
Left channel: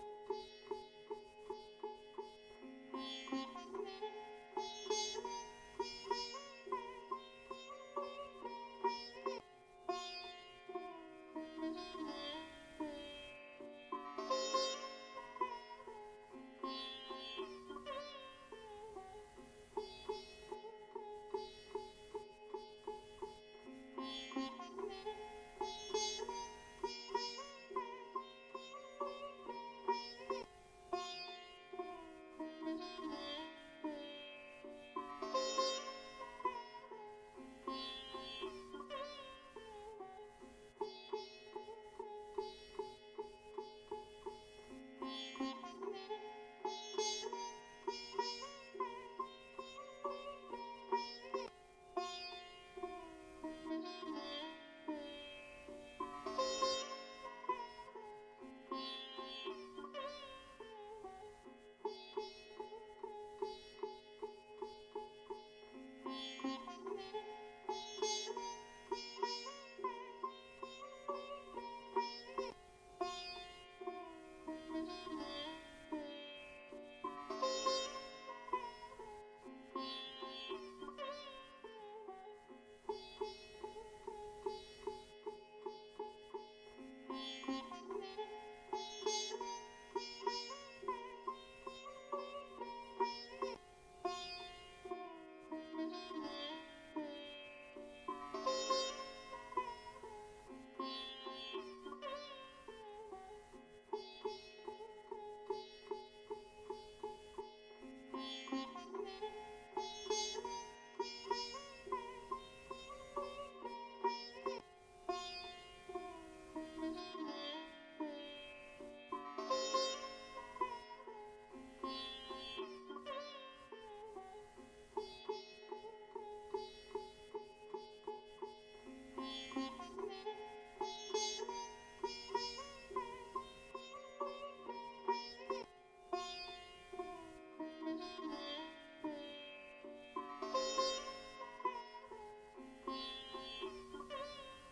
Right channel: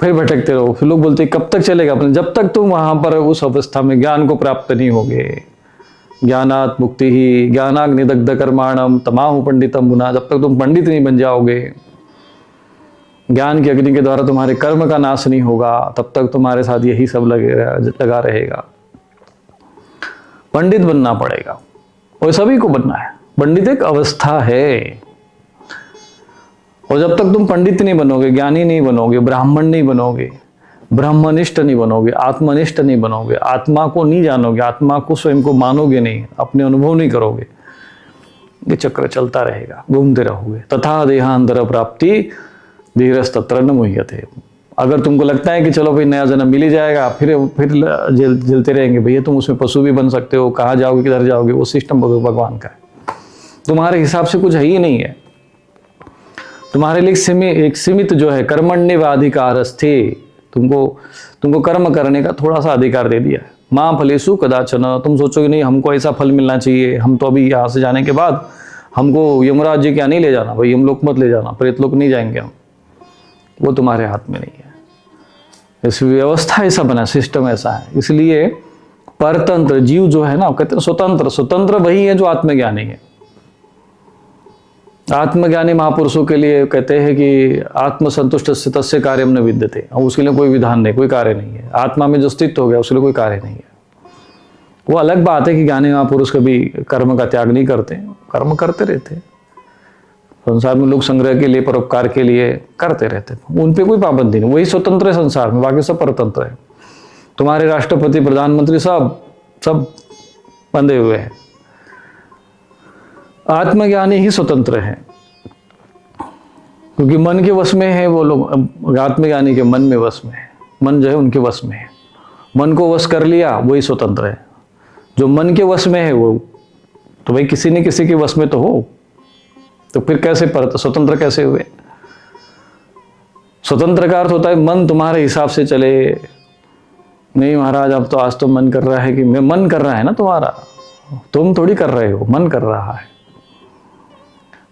फिर भटकते रहो। फिर लोग बोलते कब तक चलेगा? अपने जब तक तुम वहां पर उस अवस्था में ज्ञान को प्राप्त नहीं होगे। ज्ञानात् मुक्ति ही ज्ञानाग्निदग्ध कर्माणम तमाहु पंडितम मुना, जब तक तुम पंडित नहीं बन जाओगे, ज्ञान की अग्नि के द्वारा तुम्हारे कर्म का नाश नहीं होगा, तब तक तुम्हारे साथ यही सब लगा रहेगा। पंडित बनना पड़ेगा और सभी को बनना है। पंडित एक अवस्था है, और जब तक तुम पंडित नहीं बनोगे, ज्ञानी नहीं बनोगे, ब्राह्मण नहीं बनोगे, ब्रह्मनिष्ठ नहीं बनोगे, आत्मनिष्ठ नहीं बनोगे, आत्मा को नहीं जानोगे, आत्मा को स्वयं को मानोगे नहीं, अपने अनुभव नहीं करोगे, ये चक्र चलता रहेगा, घूमते रहोगे। तथा देहांतर प्राप्ति धीरस्तत्र न मुह्यते। अगर तुमको लगता है कि चलो भाई नया जन्म मिल ही जाएगा, फिर जलते रहेंगे, भैया तुम उसमें पशु भी बन सकते हो, कहाँ जाओगे, किधर जाओगे, वो सिस्टम भगवान का है, तुम्हारे हिसाब से कुछ है ही नहीं है। तुम्हारे लिए एक सीमित जो है कर्मण्यवाधिकारस्थे, तुमको कर्म करने का थोड़ा सा अधिकार दे दिया है। मां फलेषु कदाचन, तुम सोचोगे नहीं हमको ऐसा फल मिलना चाहिए, हम तो अभी यहाँ से जाने के बाद हमको यमराज जी क्या नहीं ले जाना, भाई यमलोक मत ले जाना, प्रेतलोक नहीं जाएंगे हम, वो तुम्हारे हाथ में नहीं है। इस व्यवस्था ऐसा बना, सिस्टम ऐसा है। इसलिए परतंत्र जीव जो है ना, कहते हैं स्वतंत्र वही है जो आत्मज्ञानी है। आत्मज्ञानी महापुरुषों के लिए कहते हैं कि आत्मसंतुष्ट से तस्य कार्यम न विद्यते, और उसके लिए कोई विधान नहीं, कोई कार्य नहीं है। आत्मा में जो स्थित हो गया उसके लिए कोई कार्य नहीं है। वो अलग बात है कि ज्ञानी महापुरुष कभी कर्म का त्याग नहीं करते, कर्म करते रहते। संसार में लोग संग्रह के लिए, परोपकार के लिए करते रहते, उन पे कोई पाबंदी नहीं, वही स्वतंत्र है संसार में, बाकी सब परतंत्र है। तुम्हारे राष्ट्रपति, प्रधानमंत्री सब बंधे हुए हैं। आत्मज्ञानी ही स्वतंत्र है, क्योंकि मन के वश में है वो लोग। आत्मज्ञानी के मन में वश में है, मन जो है उनके वश में है। मन को वश कर लिया वही स्वतंत्र है। जो मन के वश में है वो तो भाई किसी न किसी के वश में तो हो, तो फिर कैसे स्वतंत्र कैसे हुए? स्वतंत्र का अर्थ होता है मन तुम्हारे हिसाब से चले। नहीं महाराज अब तो आज तो मन कर रहा है कि मैं, मन कर रहा है ना तुम्हारा, तुम थोड़ी कर रहे हो, मन कर रहा है।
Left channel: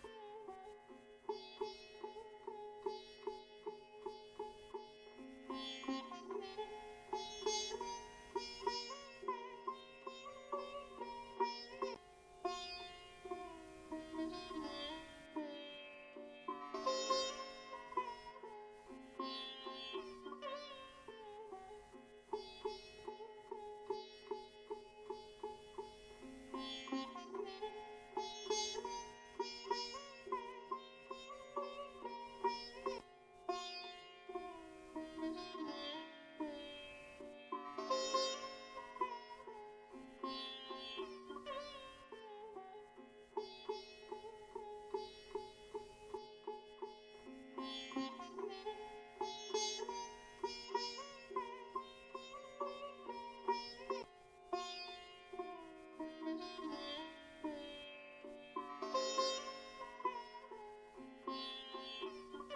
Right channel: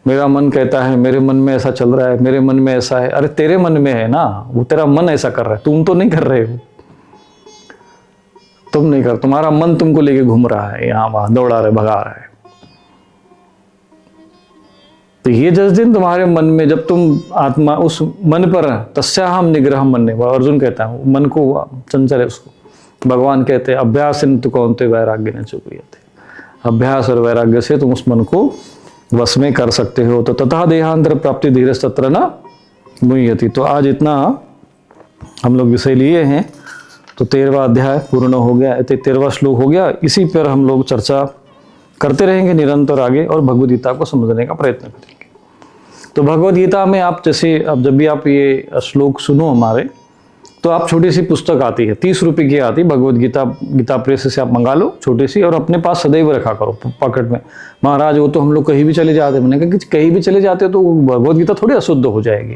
मेरा मन कहता है, मेरे मन में ऐसा चल रहा है, मेरे मन में ऐसा है। अरे तेरे मन में है ना, वो तेरा मन ऐसा कर रहा है, तुम तो नहीं कर रहे हो। तुम नहीं कर, तुम्हारा मन तुमको लेके घूम रहा है, यहाँ वहां दौड़ा रहा है, भगा रहा है। तो ये जिस दिन तुम्हारे मन में, जब तुम आत्मा उस मन पर, तस्याहम निग्रह मन ने, अर्जुन कहता है मन को चंचल है उसको। भगवान कहते हैं अभ्यास कौनते वैराग्य न चुपियते, अभ्यास और वैराग्य से तुम उस मन को वश में कर सकते हो। तो तथा देहांतर प्राप्ति धीरस्तत्र न मुह्यति। तो आज इतना हम लोग विषय लिए हैं, तो 13वां अध्याय पूर्ण हो गया, 13वां श्लोक हो गया। इसी पर हम लोग चर्चा करते रहेंगे निरंतर आगे और भगवद गीता को समझने का प्रयत्न करेंगे। तो भगवद गीता में आप जैसे अब जब भी आप ये श्लोक सुनो हमारे, तो आप छोटी सी पुस्तक आती है, 30 रुपये की आती, भगवद गीता, गीता प्रेस से आप मंगा लो छोटी सी, और अपने पास सदैव रखा करो पॉकेट में। महाराज वो तो हम लोग कहीं भी चले जाते हैं। मैंने कहा कि कहीं भी चले जाते तो भगवद गीता थोड़ी अशुद्ध हो जाएगी।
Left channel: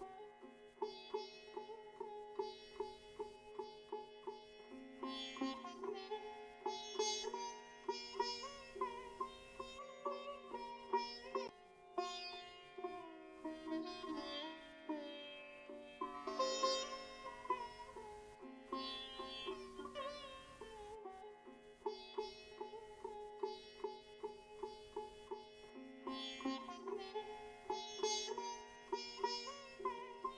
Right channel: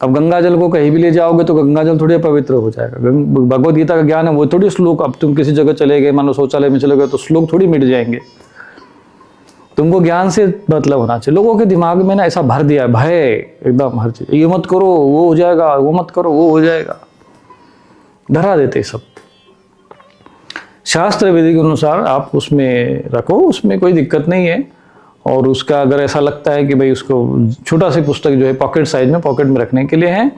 अब गंगा जल को कहीं भी ले जाओगे तो गंगा जल थोड़ी पवित्र हो जाएगा। भगवद गीता का ज्ञान है वो थोड़ी श्लोक, अब तुम किसी जगह चले गए, मानो शौचालय में चले गए तो श्लोक थोड़ी मिट जाएंगे। तुमको ज्ञान से मतलब होना चाहिए। लोगों के दिमाग में ना ऐसा भर दिया है भय, एकदम हर चीज, ये मत करो वो हो जाएगा, वो मत करो वो हो जाएगा, डरा देते सब। शास्त्र विधि के अनुसार आप उसमें रखो, उसमें कोई दिक्कत नहीं है। और उसका अगर ऐसा लगता है कि भाई उसको छोटा सी पुस्तक जो है पॉकेट साइज में, पॉकेट में रखने के लिए है,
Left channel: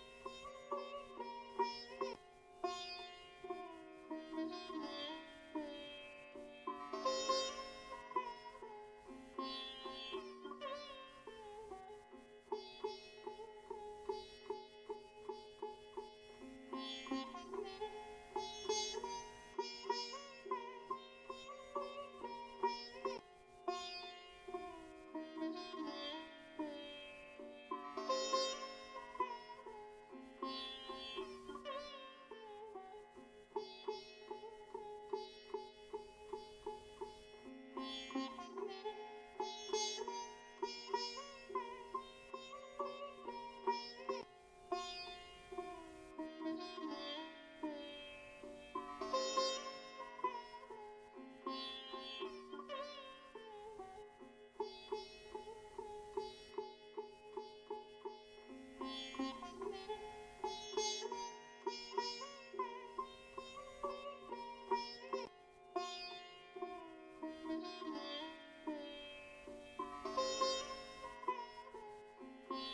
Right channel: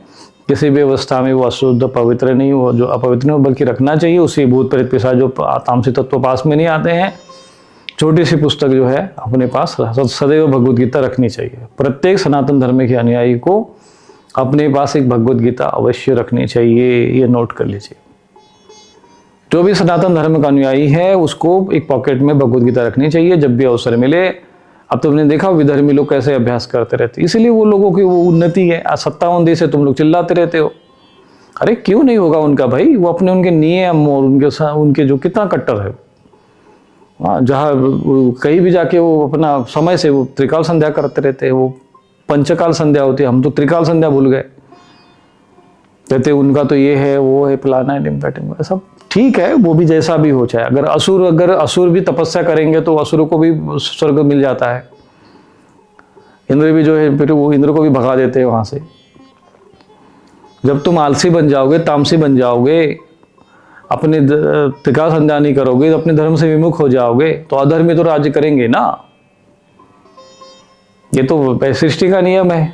किसी भी अवस्था में वो अशुद्ध पवित्र नहीं हो, जो अपवित्र नहीं हो, बल्कि रखना चाहिए। उसी भूत प्रेत पिशाच जो तामसी तत्व पास में नहीं आते हैं, छोटी सी पुस्तक जो है अपने पास सदैव भगवद गीता रखनी चाहिए। प्रत्येक सनातन धर्म के अनुयायी को अपने पास एक भगवद गीता अवश्य रखनी चाहिए, ये नोट कर लीजिए। जो भी सनातन धर्म का अनुयायी है उसको एक पॉकेट में भगवद गीता रखनी चाहिए जब भी अवसर मिले। अब तुमने देखा विधर्मी लोग कैसे अभ्यास करते रहते, इसीलिए वो लोगों की वो उन्नति है। आज 57 देश से तुम लोग चिल्लाते रहते हो, अरे क्यों नहीं होगा उनका भाई? वो अपने उनके नियम और उनके जो कितना कट्टर है, हाँ, जहाँ कहीं भी जाके वो अपना समय से वो त्रिकाल संध्या करते रहते हैं। वो पंचकाल संध्या होती है, हम तो त्रिकाल संध्या भूल गए। कहते उनका तो ये है वो है फलाना है टिम्पैटिंग, सब ठीक है, वो भी जैसा भी हो चाहे। अगर असुर भी तपस्या करेंगे तो असुरों को भी स्वर्ग मिल जाता है। इंद्र भी जो है फिर वो इंद्र को भी भगा देते हैं वहां से। जब तुम आलसी बन जाओगे, तामसी बन जाओगे, अपने त्रिकाल संध्या नहीं करोगे, तो अपने धर्म से विमुख हो जाओगे, तो अधर्मी तो राज्य करेंगे ना। ये तो सृष्टि का नियम है,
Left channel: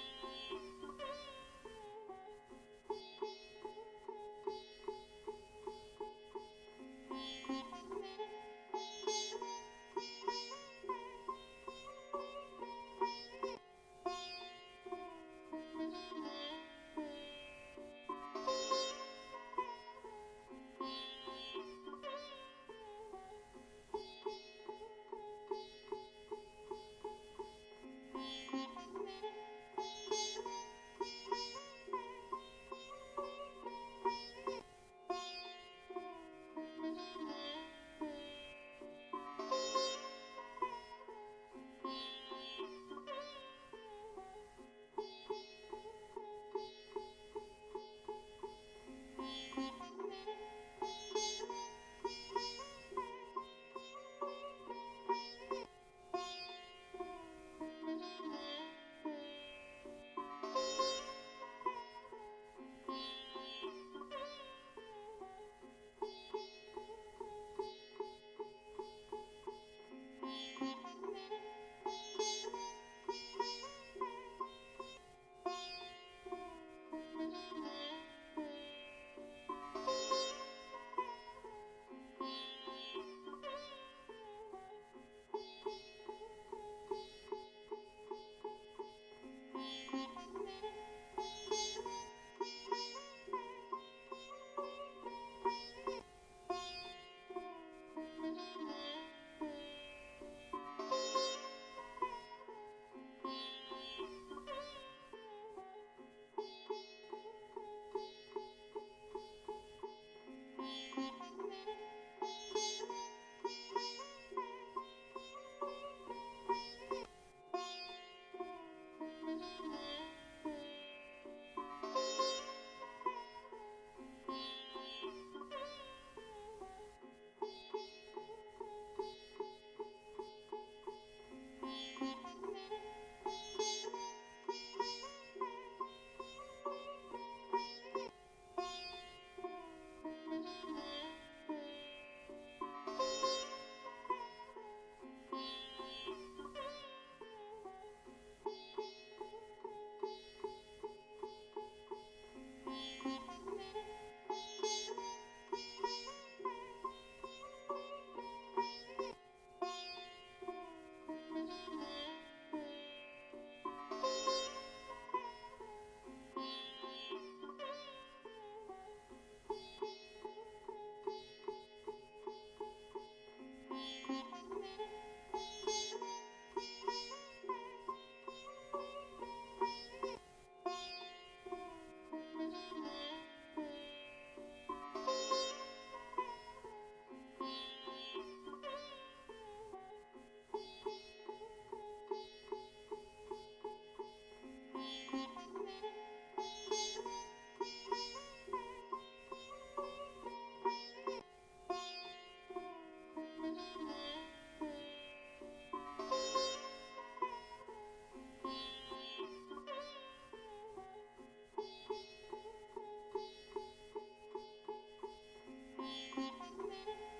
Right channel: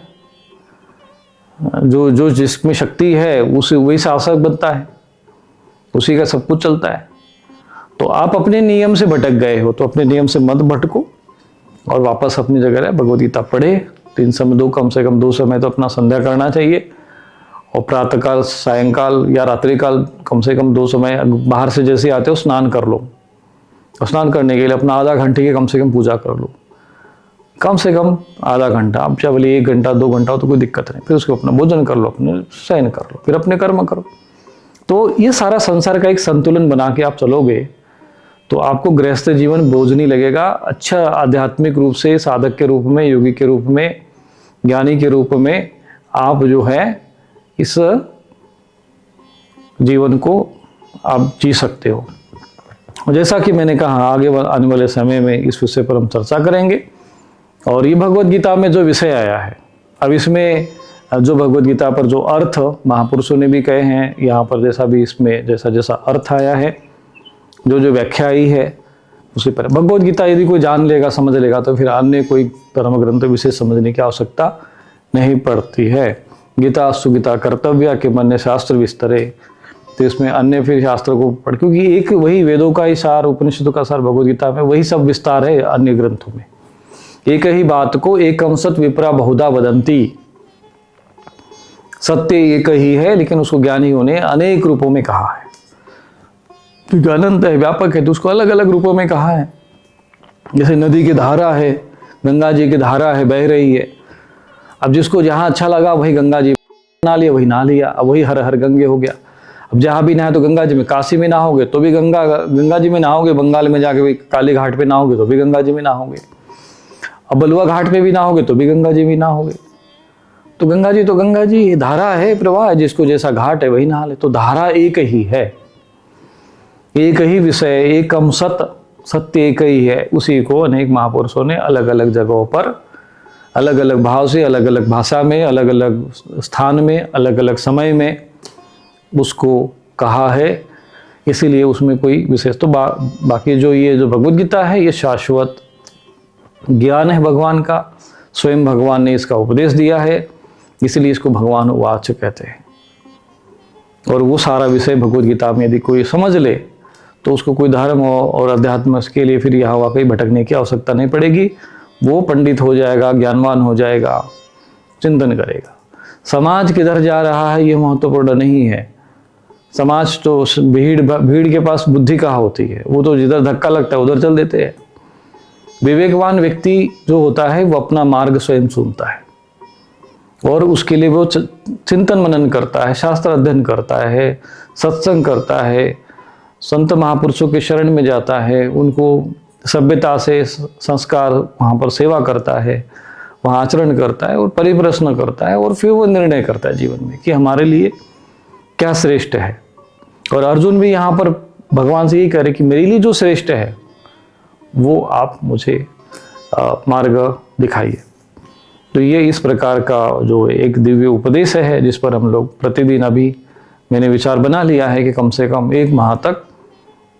जो जिसमें शक्ति है उसी वही शासक बनता है, उसी का सब कुछ चलता है। तो आप अपने नियम से भटक गए हो तो अपने नियम से मत भटको और वापस अपनी जगह रहे, भगवद गीता पढ़े। 3 समय कम से कम 2 समय तो अपना संध्या करना चाहिए, और प्रातःकाल, सायंकाल या रात्रिकाल कम से कम 2 समय बाहर से जैसे आते हो स्नान कर लो। और स्नान करने के लिए अपना आधा घंटे की कम से कम पूजा कर लो, कम से कम आधा घंटा। अब चाहे बोले 1 घंटा 2 घंटा हो तो कोई दिक्कत नहीं। फिर उसको अपना भोजन कर लो, अपने शयन कर लो, फिर अपने कर्म करो। तो ये सारा संसार का एक संतुलन बना के आप चलोगे तो आपको गृहस्थ जीवन बोझ नहीं लगेगा। अच्छा आध्यात्मिक रूप से साधक के रूप में, योगी के रूप में, ज्ञानी के रूप में आप जो है इस जीवन को आप जी सकते हो। जैसा कि मैंने कहा आगे आने वाले समय में इस विषय पर हम चर्चा करेंगे। और ये भगवद गीता में जो विषय आया है, अब इसमें जो भगवद गीता पर जो अर्थ महापुरुषों ने भी कहे हैं, यहाँ पर जैसा भी इसमें जैसा जैसा अर्थ आया है, जो जो व्याख्या आई है उसी पर भगवद गीता यदि कोई जान लेगा, समझ लेगा, तो फिर अन्य कोई धर्म ग्रंथ विशेष समझने की आवश्यकता नहीं पड़ती है। गीता सुगीता कर्तव्य के मन शास्त्र विस्तरे, तो इसमें अन्य फिर शास्त्र को पढ़, क्योंकि एक वही वेदों का ही सार, उपनिषदों का सार भगवद गीता में वही सब विस्तार है। अन्य ग्रंथों में एक ही बात को एकम सत विप्रा बहुधा वदंती, सत्य एक ही है, लेकिन उसको ज्ञानियों ने अनेक रूपों में कहा है। क्योंकि अनंत है, व्यापक है, तो उसको अलग अलग रूपों में कहा है। जैसे नदी की धारा है, गंगा जी की धारा है, बह रही है। अब जिसको जहाँ अच्छा लगा वही गंगा जी नहा लिया, वही नहा लिया, अब वही हर हर गंगे हो गया। अब जहाँ भी नहाए तो गंगा जी में, काशी में नहाओगे तो भी गंगा जी में नहाओगे, बंगाल में जाके वही काली घाट पे नहाओगे तो भी गंगा जी में नहाओगे, अब बलुआ घाट पे भी नहाओगे तो भी गंगा जी में नहाओगे। तो गंगा जी धारा है, प्रवाह है, जिसको जैसा घाट है वही नहा ले। तो धारा एक ही है, एक ही विषय, एकम सत्य एक ही है। उसी को अनेक महापुरुषों ने अलग अलग जगहों पर अलग अलग भाव से, अलग अलग भाषा में, अलग अलग स्थान में, अलग अलग समय में उसको कहा है। इसीलिए उसमें कोई विशेष तो बाकी जो ये जो भगवद गीता है ये शाश्वत ज्ञान है भगवान का, स्वयं भगवान ने इसका उपदेश दिया है, इसलिए इसको भगवान वाच कहते हैं। और वो सारा विषय भगवद गीता में यदि कोई समझ ले तो उसको कोई धर्म और अध्यात्म के लिए फिर यहाँ वाकई भटकने की आवश्यकता नहीं पड़ेगी। वो पंडित हो जाएगा, ज्ञानवान हो जाएगा, चिंतन करेगा। समाज किधर जा रहा है ये महत्वपूर्ण नहीं है, समाज तो भीड़ के पास बुद्धि कहाँ होती है, वो तो जिधर धक्का लगता है उधर चल देते हैं। विवेकवान व्यक्ति जो होता है वो अपना मार्ग स्वयं चुनता है और उसके लिए वो चिंतन मनन करता है, शास्त्र अध्ययन करता है, सत्संग करता है, संत महापुरुषों के शरण में जाता है, उनको सभ्यता से संस्कार वहाँ पर सेवा करता है, वहाँ आचरण करता है और परिप्रश्न करता है और फिर वो निर्णय करता है जीवन में कि हमारे लिए क्या श्रेष्ठ है। और अर्जुन भी यहाँ पर भगवान से यही कह रहे कि मेरे लिए जो श्रेष्ठ है वो आप मुझे मार्ग दिखाइए। तो ये इस प्रकार का जो एक दिव्य उपदेश है जिस पर हम लोग प्रतिदिन, अभी मैंने विचार बना लिया है कि कम से कम 1 माह तक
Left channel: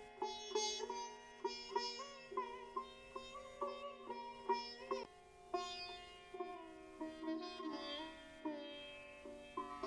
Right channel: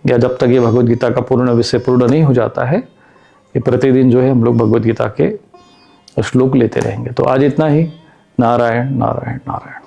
या जब तक ये भगवद गीता का पूर्ण विषय पूर्ण नहीं हो जाता है, ये प्रतिदिन जो है हम लोग भगवद गीता के श्लोक लेते रहेंगे। तो आज इतना ही। नारायण नारायण नारायण।